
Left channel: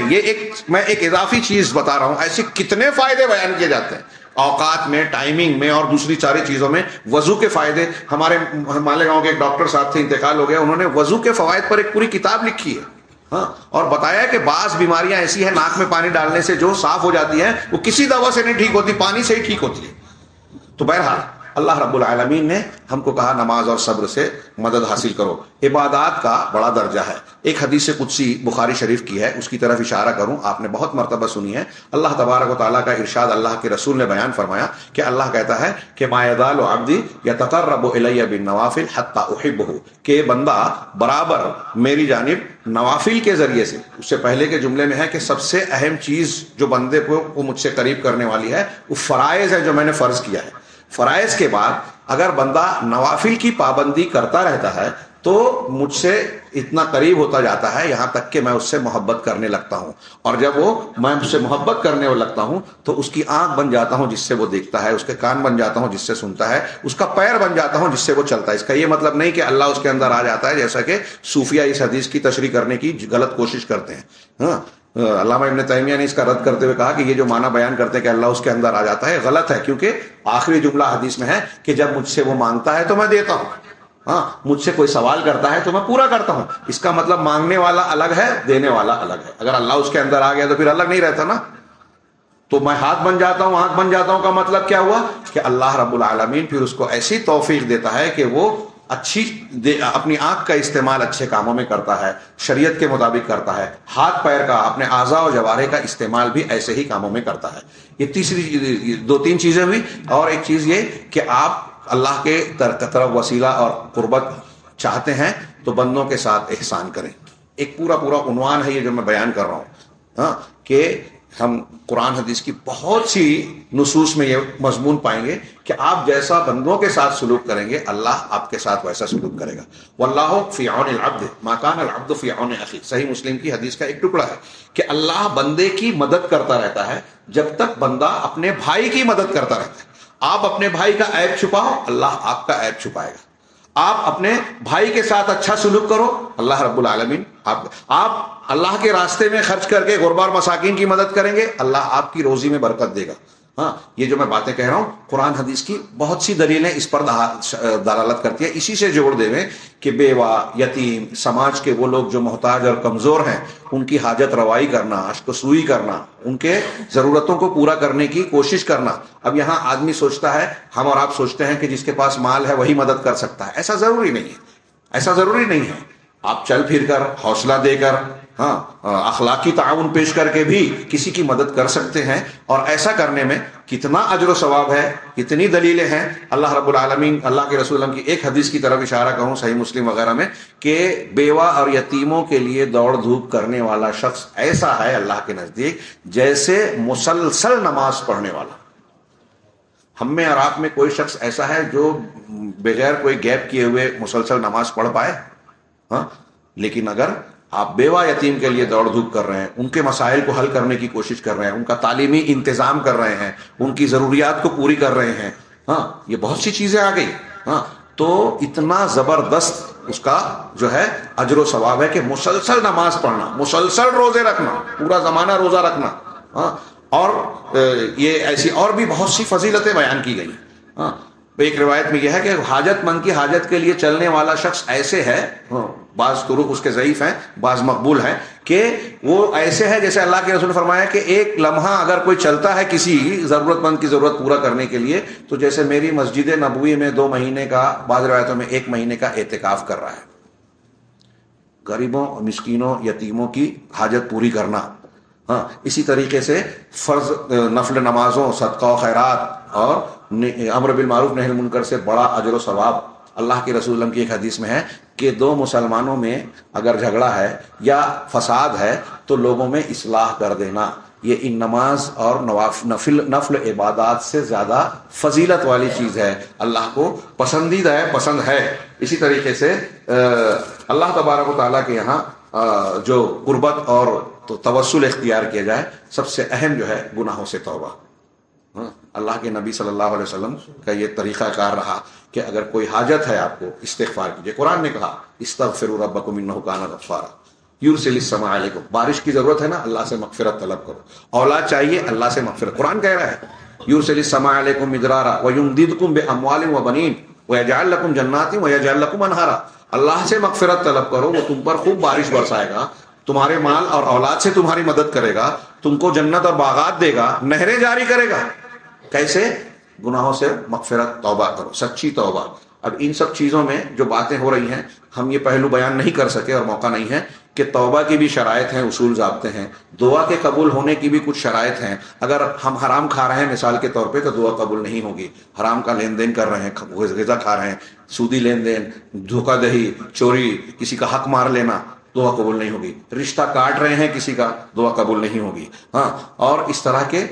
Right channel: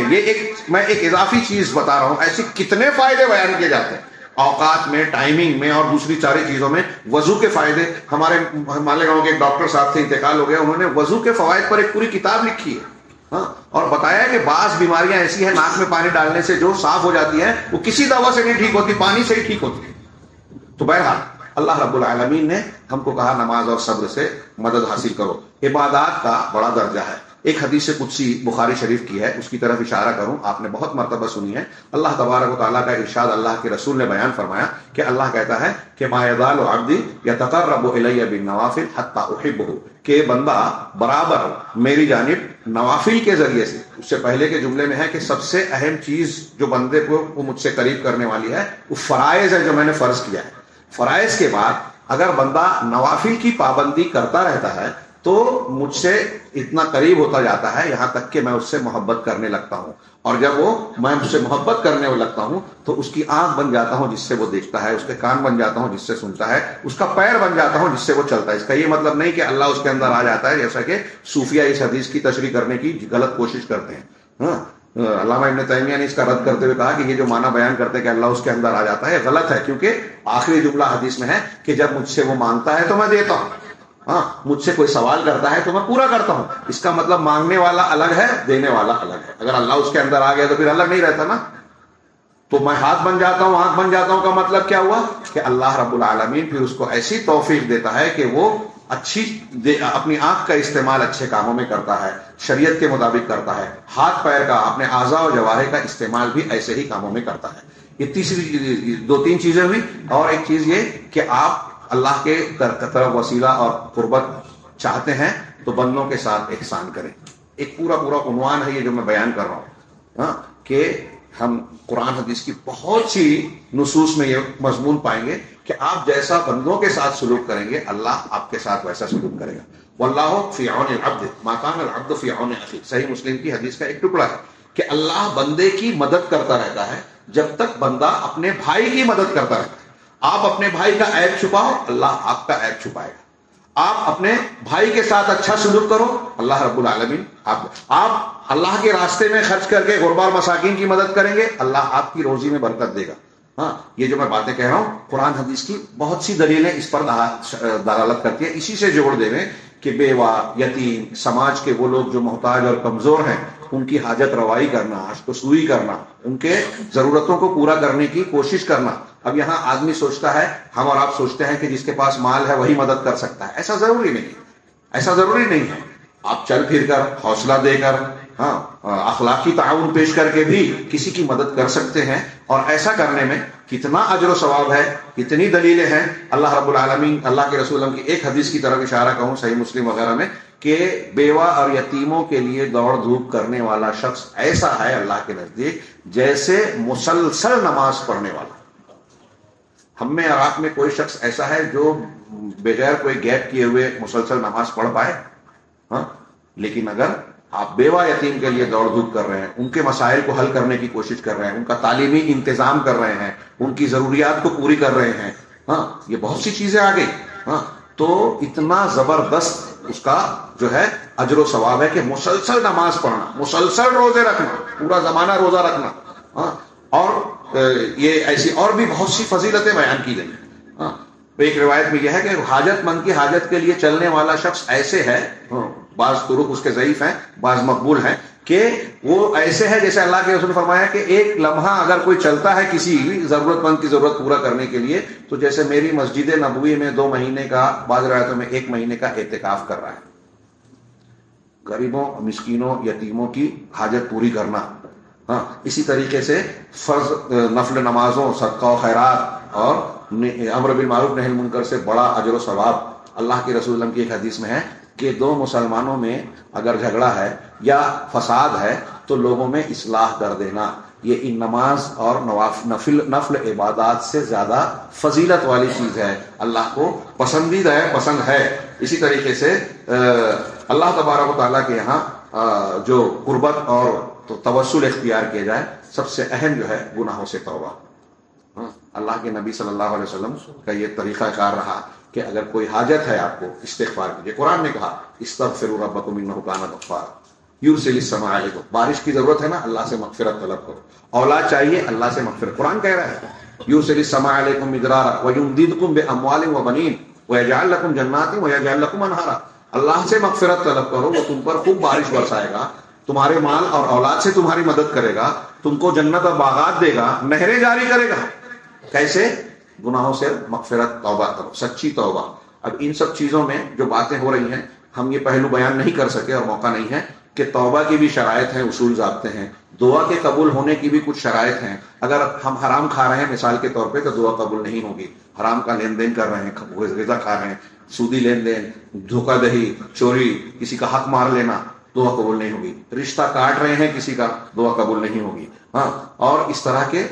میں ایک اضافی چیز بتا رہا ہوں۔ ایسے کتنے فائدے بیان کیے جاتے ہیں اوقات میں، ٹائمنگ میں، اور دوسری ساری چیزوں میں۔ وضو کے فائدے، ہمارے مالیگاؤں کے ایک ڈاکٹر صاحب تھے، انتقال ہو گیا، انہوں نے وضو کے فوائد پر ایک پوری کتاب لکھی ہے، اور بتایا کہ بعض بیماریاں ایسی ہیں ناک میں پانی ڈالنے سے جو صاف ہو جاتی ہیں، وہ کسی دوا سے نہیں ٹھیک ہوتی، پانی سے ہی ٹھیک ہوتی ہے۔ تو بہرحال اللہ رب العالمین نے ہم کو کہا نماز اور صبر سے مدد حاصل کرو۔ عبادات کا بڑا درجہ ہے۔ ایک حدیث قدسی بخاری شریف کی ہے، اس کی طرف اشارہ کروں، آپ نے بہت مرتبہ سنی ہے۔ اللہ تبارک و تعالیٰ کا ارشاد، اللہ کے رسول نے بیان فرمایا کہ اللہ کہتا ہے کہ ما یزال عبدی یتقرب الی بالنوافل حتی احبہ، کہ بندہ برابر میری جانب نوافل کے ذریعے سے، اس سے پہلے کے جملے میں ہے کہ سب سے اہم چیز جو بندے کو مجھ سے قریب کرنے والی ہے وہ فرائض ہے جو میں نے فرض کیا ہے۔ فرائض کے بعد اگر بندہ نوافل کی پابندی کرتا رہتا ہے تو مجھ سے اتنا قریب ہوتا جاتا ہے یہاں تک کہ میں اس سے محبت کرنے لگتا ہوں، اور جب میں اس سے محبت کرنے لگتا ہوں تو اس کی آنکھ بن جاتا ہوں جس سے وہ دیکھتا ہے، اس کے کان بن جاتا ہوں جس سے سنتا ہے، اس کا پیر بن جاتا ہوں جس سے وہ چلتا ہے۔ اس کا یہ مطلب نہیں کہ اللہ اس کے اندر آ جاتا ہے، جیسا کہ صوفیہ اس حدیث کی تشریح کرنے کی غلط کوشش کرتے ہیں۔ ہاں، علامہ ابن تیمیہ نے اس کا رد کرتے ہوئے کہا کہ یہ جو معنی بیان کرتے ہیں کہ اللہ اس کے اندر آ جاتا ہے غلط ہے، کیونکہ آخری جملہ حدیث میں ہے کہ جب مجھ سے وہ مانگتا ہے تو میں دیتا ہوں، ہاں مجھ سے کوئی سوال کرتا ہے تو میں پورا کرتا ہوں۔ اس کا مطلب مانگنے والا الگ ہے، دینے والا الگ ہے۔ اگر اللہ اس کے اندر آ گیا تو پھر الگ نہیں رہتا نا۔ تو میں ہاتھ بن جاتا ہوں، آنکھ بن جاتا ہوں کا مطلب کیا ہوا کہ اللہ رب العالمین پھر اس کو ایسی توفیق دیتا ہے کہ وہ اپنی آنکھ کا استعمال اچھے کاموں میں کرتا ہے، شریعت کے مطابق کرتا ہے، ہاتھ پیر کا، اپنے اعضاء و جوارح کا استعمال بھی ایسے ہی کاموں میں کرتا ہے۔ یہ تیسری دو تین چیزیں ہوئی، اور ایک چیز یہ کہ آپ اللہ کے طرف وسیلہ اور قربت چاہتے ہیں تو بندوں کے ساتھ احسان کریں۔ ایک پورا عنوان ہے یہ جو میں بیان کر رہا ہوں، ہاں، کہ ہم قرآن حدیث کی بہت سی نصوص میں یہ مضمون پائیں گے کہ آپ جیسا بندوں کے ساتھ سلوک کریں گے اللہ آپ کے ساتھ ویسا سلوک کرے گا۔ واللہ فی عون العبد ما کان العبد فی عون اخیہ، صحیح مسلم کی حدیث کا ایک ٹکڑا ہے کہ اللہ بندے کی مدد کرتا رہتا ہے جب تک بندہ اپنے بھائی کی مدد کرتا رہتا ہے۔ آپ اپنے بھائی کا عیب چھپاؤ، اللہ آپ کا عیب چھپائے گا۔ آپ اپنے بھائی کے ساتھ اچھا سلوک کرو، اللہ رب العالمین آپ اللہ کے راستے میں خرچ کر کے غربا اور مساکین کی مدد کریں گے، اللہ آپ کی روزی میں برکت دے گا۔ ہاں، یہ جو میں باتیں کہہ رہا ہوں قرآن حدیث کی بہت سی دلیلیں اس پر دلالت کرتی ہیں۔ اسی سے جوڑ دے میں کہ بیوہ، یتیم، سماج کے وہ لوگ جو محتاج اور کمزور ہیں ان کی حاجت روائی کرنا، اشک سوئی کرنا، ان کے ضرورتوں کو پورا کرنے کی کوشش کرنا۔ اب یہاں آدمی سوچتا ہے، ہم اور آپ سوچتے ہیں کہ جس کے پاس مال ہے وہی مدد کر سکتا ہے۔ ایسا ضروری نہیں ہے، ایسا ضروری نہیں ہے۔ آپ چل پھر کر، حوصلہ دے کر، ہاں اخلاقی تعاون پیش کر کے بھی کسی کی مدد کر سکتے ہیں، اور ایسا کرنے میں کتنا اجر و ثواب ہے، کتنی دلیلیں ہیں۔ اللہ رب العالمین، اللہ کے رسول کی ایک حدیث کی طرف اشارہ کروں صحیح مسلم وغیرہ میں کہ بیوہ اور یتیموں کے لیے دوڑ دھوپ کرنے والا شخص ایسا ہے اللہ کے نزدیک جیسے مسلسل نماز پڑھنے والا۔ ہم میں اور آپ میں کوئی شخص ایسا ہے جو بغیر کوئی گیپ کیے ہوئے مسلسل نماز پڑھ پائے؟ ہاں، لیکن اگر آپ بیوہ یتیم کے لیے دوڑ دھوپ کر رہے ہیں، ان کے مسائل کو حل کرنے کی کوشش کر رہے ہیں، ان کا تعلیمی انتظام کر رہے ہیں، ان کی ضروریات کو پوری کر رہے ہیں، ہاں یہ بہت سی چیزیں آ گئی، ہاں تو اتنا زبردست اس کا جو ہے اجر و ثواب ہے کہ مسلسل نماز پڑھنا، مسلسل روزے رکھنا، پورا زمانہ روزہ رکھنا، ہاں، اور یہ ایسی اور بھی بہت سی فضیلتیں بیان کی گئی ہیں۔ ہاں، ایک روایت میں یہ ہے کہ حاجت مند کی حاجت کے لیے چلنے والا شخص ایسے ہے، بعض طرق اس کے ضعیف ہیں، بعض مقبول ہیں، کہ وہ ایسے ہے جیسے اللہ کے رسول نے فرمایا کہ ایک لمحہ اگر کوئی چلتا ہے کسی ضرورت مند کی ضرورت پورا کرنے کے لیے تو جیسے میری مسجد نبوی میں 2 مہینے کا، بعض روایتوں میں 1 مہینے کا اعتکاف کر رہا ہے۔ غریبوں، مسکینوں، یتیموں کی حاجت پوری کرنا، ہاں اسی طریقے سے فرض نفل نمازوں، صدقہ و خیرات اور امر بالمعروف نہی المنکر سے بڑا اجر و ثواب۔ اللہ کے رسول اللہ کی ایک حدیث میں ہے کہ 2 مسلمانوں میں اگر جھگڑا ہے یا فساد ہے تو لوگوں میں اصلاح کر دینا، یہ ان نماز اور نفل عبادات سے زیادہ فضیلت والی چیز ہے، اللہ کو پسندیدہ ہے، پسند ہے۔ اسی طریقے سے اللہ تبارک و تعالیٰ کے یہاں جو قربت اور توسل اختیار کیا جائے، سب سے اہم جو ہے گناہوں سے توبہ۔ اللہ کے نبی صلی اللہ علیہ وسلم کا یہ طریقہ کار رہا کہ اگر کوئی حاجت ہے آپ کو استغفار کیجیے۔ قرآن نے کہا استغفروا ربکم انہ کان غفارا یرسل السماء علیکم، بارش کی ضرورت ہے نا، اللہ سے مغفرت طلب کرو، اولاد چاہیے اللہ سے مغفرت، قرآن کہہ رہا ہے یرسل السماء علیکم مدرارا ویمددکم باموال وبنین ویجعل لکم جنات ویجعل لکم انہارا، اللہ سے مغفرت طلب کرو، وہ تم پر خوب بارش برسائے گا، تمہارے مال اور اولاد سے تمہاری مدد کرے گا، تم کو جنت اور باغات دے گا، نہریں جاری کرے گا۔ کیسے؟ گناہوں سے مغفرت، توبہ کرو، سچی توبہ۔ اب ان سب چیزوں میں جو باتیں ہو رہی ہیں ہم یہ پہلو بیان نہیں کر سکے اور موقع نہیں ہے کہ توبہ کی بھی شرائط ہیں، اصول ضابطے ہیں، دعا کے قبول ہونے کی بھی کچھ شرائط ہیں۔ اگر ہم حرام کھا رہے ہیں مثال کے طور پہ تو دعا قبول نہیں ہوگی، حرام کا لین دین کر رہے ہیں، غذا کھا رہے ہیں، سودی لین دین، دھوکہ دہی، چوری، کسی کا حق مار لینا، دعا قبول نہیں ہوگی. رشتہ کاٹ رہے ہیں کسی کا, دعا قبول نہیں ہوگی. ہاں, اور اس طرح کے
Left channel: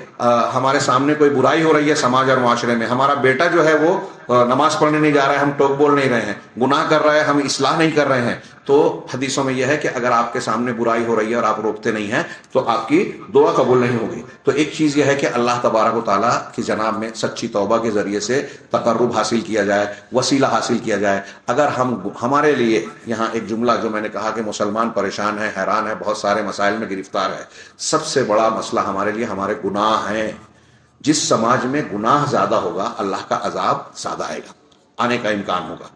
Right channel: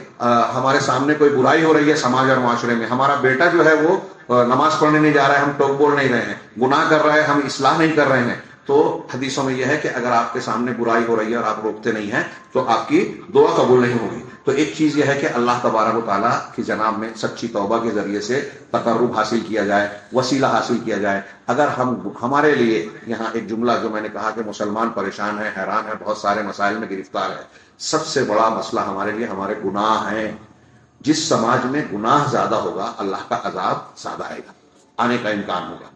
ہمارے سامنے کوئی برائی ہو رہی ہے سماج اور معاشرے میں, ہمارا بیٹا جو ہے وہ نماز پڑھنے نہیں جا رہا ہے, ہم ٹوک بول نہیں رہے ہیں, گناہ کر رہا ہے, ہم اصلاح نہیں کر رہے ہیں, تو حدیثوں میں یہ ہے کہ اگر آپ کے سامنے برائی ہو رہی ہے اور آپ روکتے نہیں ہیں تو آپ کی دعا قبول نہیں ہوگی. تو ایک چیز یہ ہے کہ اللہ تبارک و تعالیٰ کی جناب میں سچی توبہ کے ذریعے سے تقرب حاصل کیا جائے, وسیلہ حاصل کیا جائے. اگر ہمارے لیے یہاں ایک جملہ جو میں نے کہا کہ مسلمان پریشان ہے, حیران ہے, بہت سارے مسائل میں گرفتار ہے, سب سے بڑا مسئلہ ہمارے لیے ہمارے گناہ ہیں. جس سماج میں گناہ زیادہ ہوگا اللہ کا عذاب زیادہ آئے گا, آنے کا امکان ہوگا.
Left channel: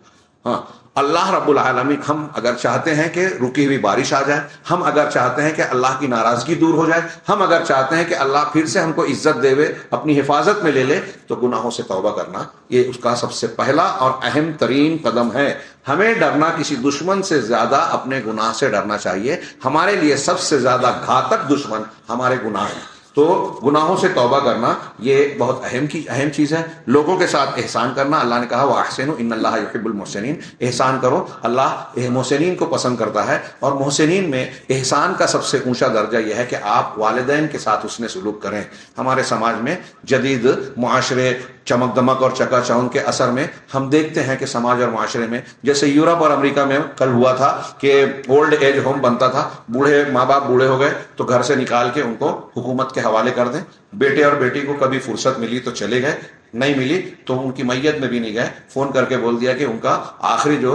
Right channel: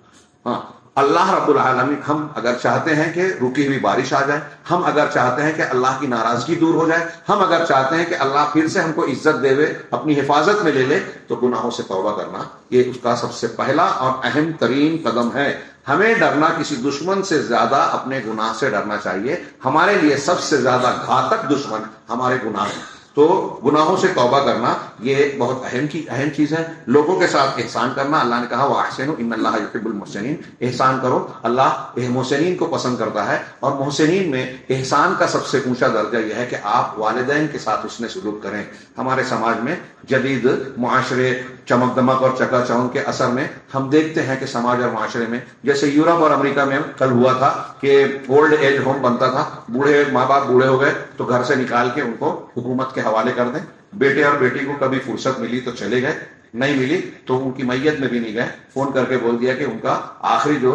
ہاں, اللہ رب العالمین, ہم اگر چاہتے ہیں کہ رکی ہوئی بارش آ جائے, ہم اگر چاہتے ہیں کہ اللہ کی ناراضگی دور ہو جائے, ہم اگر چاہتے ہیں کہ اللہ پھر سے ہم کو عزت دے, اپنی حفاظت میں لے لے, تو گناہوں سے توبہ کرنا یہ اس کا سب سے پہلا اور اہم ترین قدم ہے. ہمیں ڈرنا کسی دشمن سے زیادہ اپنے گناہ سے ڈرنا چاہیے. ہمارے لیے سب سے زیادہ گھاتک دشمن ہمارے گناہ ہیں. تو گناہوں سے توبہ کرنا یہ بہت اہم چیز ہے. لوگوں کے ساتھ احسان کرنا, اللہ نے کہا وَأَحْسِنُوا إِنَّ اللَّهَ يُحِبُّ الْمُحْسِنِينَ, احسان کرو, اللہ محسنین کو پسند کرتا ہے. اور محسنین میں احسان کا سب سے اونچا درجہ یہ ہے کہ آپ والدین کے ساتھ حسن سلوک کریں. ہمارے سماج میں جدید معاشرے, چمک دمک اور چکا چوند کے اثر میں ہم دیکھتے ہیں کہ سماج اور معاشرے میں, جیسے یورپ اور امریکہ میں کل ہوا تھا کہ اولڈ ایج ہوم بنتا تھا, بوڑھے ماں باپ بوڑھے ہو گئے تو گھر سے نکال کے ان کو حکومت کے حوالے کر دیں. بیٹے اور بیٹی کو کبھی فرصت ملی تو چلے گئے, نہیں ملی تو ان کی میت میں بھی نہیں گئے, فون کر کے بول دیا کہ ان کا آخری جو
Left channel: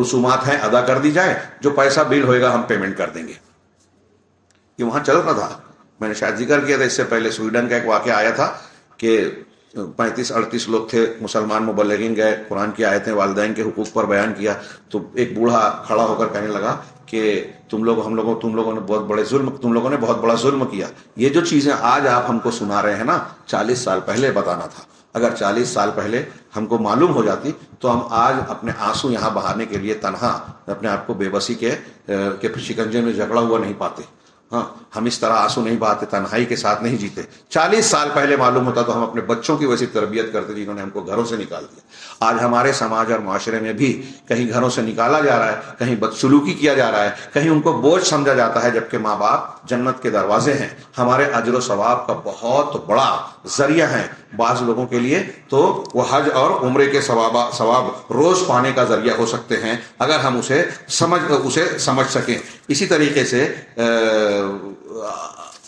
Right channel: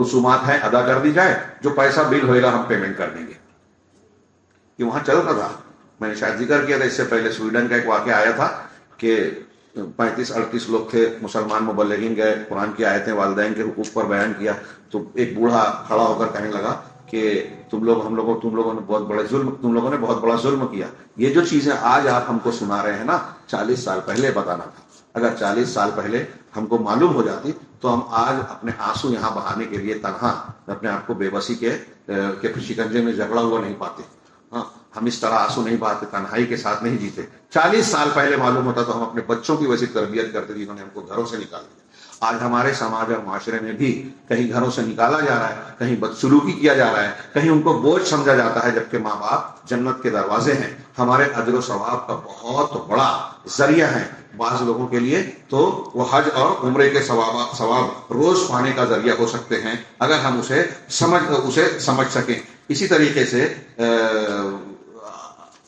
رسومات ہیں ادا کر دی جائے, جو پیسہ بل ہوئے گا ہم پیمنٹ کر دیں گے. یہ وہاں چل رہا تھا, میں نے شاید ذکر کیا تھا اس سے پہلے, سویڈن کا ایک واقعہ آیا تھا کہ 35-38 لوگ تھے مسلمان مبلغین, گئے قرآن کی آیتیں والدین کے حقوق پر بیان کیا, تو ایک بوڑھا کھڑا ہو کر کہنے لگا کہ تم لوگوں نے بہت بڑا ظلم کیا. یہ جو چیزیں آج آپ ہم کو سنا رہے ہیں نا, 40 سال پہلے بتانا تھا. اگر 40 سال پہلے ہم کو معلوم ہو جاتی تو ہم آج اپنے آنسو یہاں بہانے کے لیے تنہا اپنے آپ کو بے بسی کے شکنجے میں جکڑا ہوا نہیں پاتے. ہاں, ہم اس طرح آنسو نہیں بہاتے, تنہائی کے ساتھ نہیں جیتے. 40 سال پہلے معلوم ہوتا تو ہم اپنے بچوں کی ویسی تربیت کرتے جنہوں نے ہم کو گھروں سے نکال دیا. آج ہمارے سماج اور معاشرے میں بھی کہیں گھروں سے نکالا جا رہا ہے, کہیں بدسلوکی کیا جا رہا ہے, کہیں ان کو بوجھ سمجھا جاتا ہے, جبکہ ماں باپ جنت کے دروازے ہیں, ہمارے اجر و ثواب کا بہت بڑا ذریعہ ہیں. بعض لوگوں کے لیے تو وہ حج اور عمرے کے ثواب روز پانے کا ذریعہ ہو سکتے ہیں اگر ہم اسے سمجھ سکیں. اسی طریقے سے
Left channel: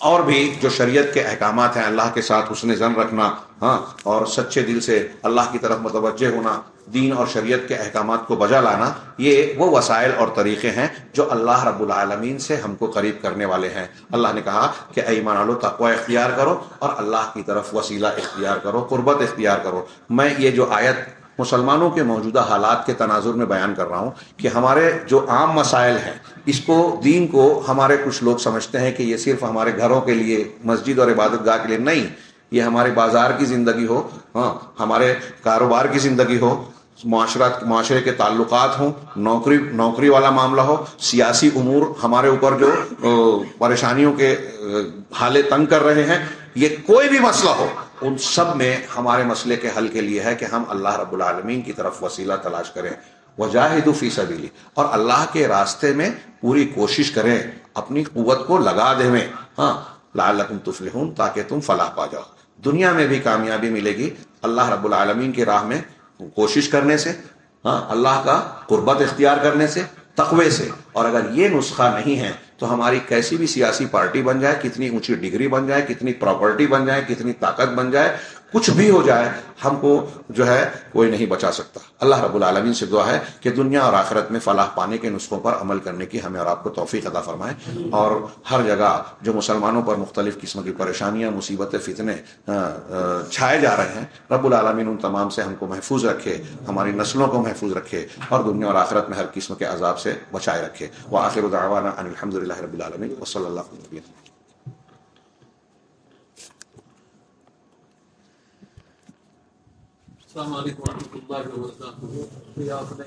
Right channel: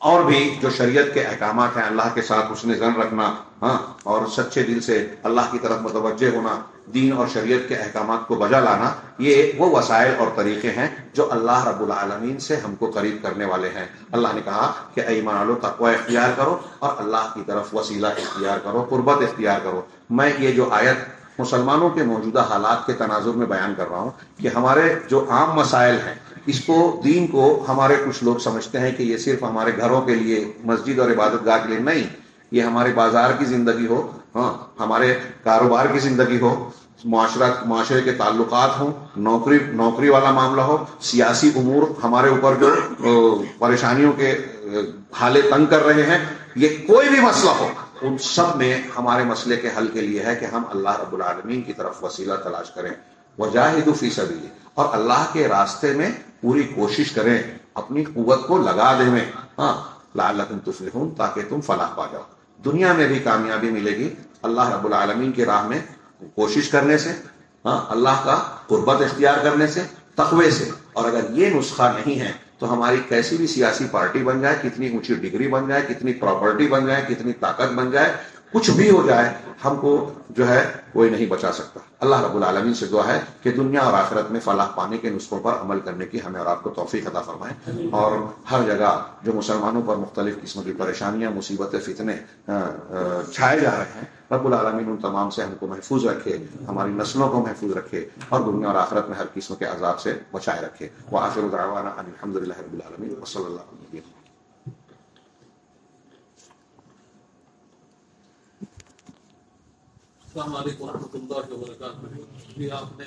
اور بھی جو شریعت کے احکامات ہیں, اللہ کے ساتھ حسن ظن رکھنا, ہاں, اور سچے دل سے اللہ کی طرف متوجہ ہونا, دین اور شریعت کے احکامات کو بجا لانا, یہ وہ وسائل اور طریقے ہیں جو اللہ رب العالمین سے ہم کو قریب کرنے والے ہیں. اللہ نے کہا کہ اے ایمان والو تقوی اختیار کرو اور اللہ کی طرف وسیلہ اختیار کرو, قربت اختیار کرو. میں یہ جو آیت مسلمانوں کے موجودہ حالات کے تناظر میں بیان کر رہا ہوں کہ ہمارے جو عام مسائل ہیں, اس کو, دین کو ہمارے کچھ لوگ سمجھتے ہیں کہ یہ صرف ہمارے گھروں کے لیے, مسجد اور عبادت گاہ کے لیے نہیں, یہ ہمارے بازار کی زندگی ہو, ہاں, ہمارے کاروبار کی زندگی ہو, معاشرے کے تعلقات ہوں, نوکری والا معاملہ ہو, سیاسی امور ہمارے اوپر جو پریشانیوں کے حالے تنگ کر رہے ہیں, یہ کوئی بھی مسئلہ ہو, ان سب میں ہمارے مسئلے کے حل کے لیے ہے کہ ہم اللہ رب العالمین کی طرف وسیلہ تلاش کریں. وجاہدوا فی سبیلہ, اور اللہ کے راستے میں پوری کوشش کریں, اپنی قوت کو لگا دیں, ہاں, لعلکم تفلحون, تاکہ تم فلاح پا جاؤ. دنیا میں بھی کامیابی ملے گی اللہ رب العالمین کی راہ میں کوشش کرنے سے, ہاں, اللہ کا قربت اختیار کرنے سے, تقوی سے. اور اگر یہ نسخہ نہیں ہے تو ہماری کیسی بھی سیاسی پارٹی بن جائے, کتنی اونچی ڈگری بن جائے, کتنی پراپرٹی بن جائے, کتنی طاقت بن جائے, کچھ بھی ہو جائے, ہم کو جو ہے کوئی نہیں بچا سکتا. اللہ رب العالمین سے دعا ہے کہ دنیا اور آخرت میں فلاح پانے کے نسخوں پر عمل کرنے کی ہمیں اور آپ کو توفیق عطا فرمائے. اور ہر جگہ جو مسلمانوں پر مختلف قسم کی پریشانیاں, مصیبتیں, فتنے چھائے جا رہے ہیں, رب العالمین ان تمام سے ہم کو محفوظ رکھے, ہماری نسلوں کو محفوظ رکھے, اور دنیا اور آخرت میں ہر قسم کے عذاب سے بچائے رکھے. وآخر دعوانا ان الحمدللہ رب العالمین وصلی اللہ علیہ وسلم. السلام علیکم ورحمۃ اللہ وبرکاتہ. آپ نے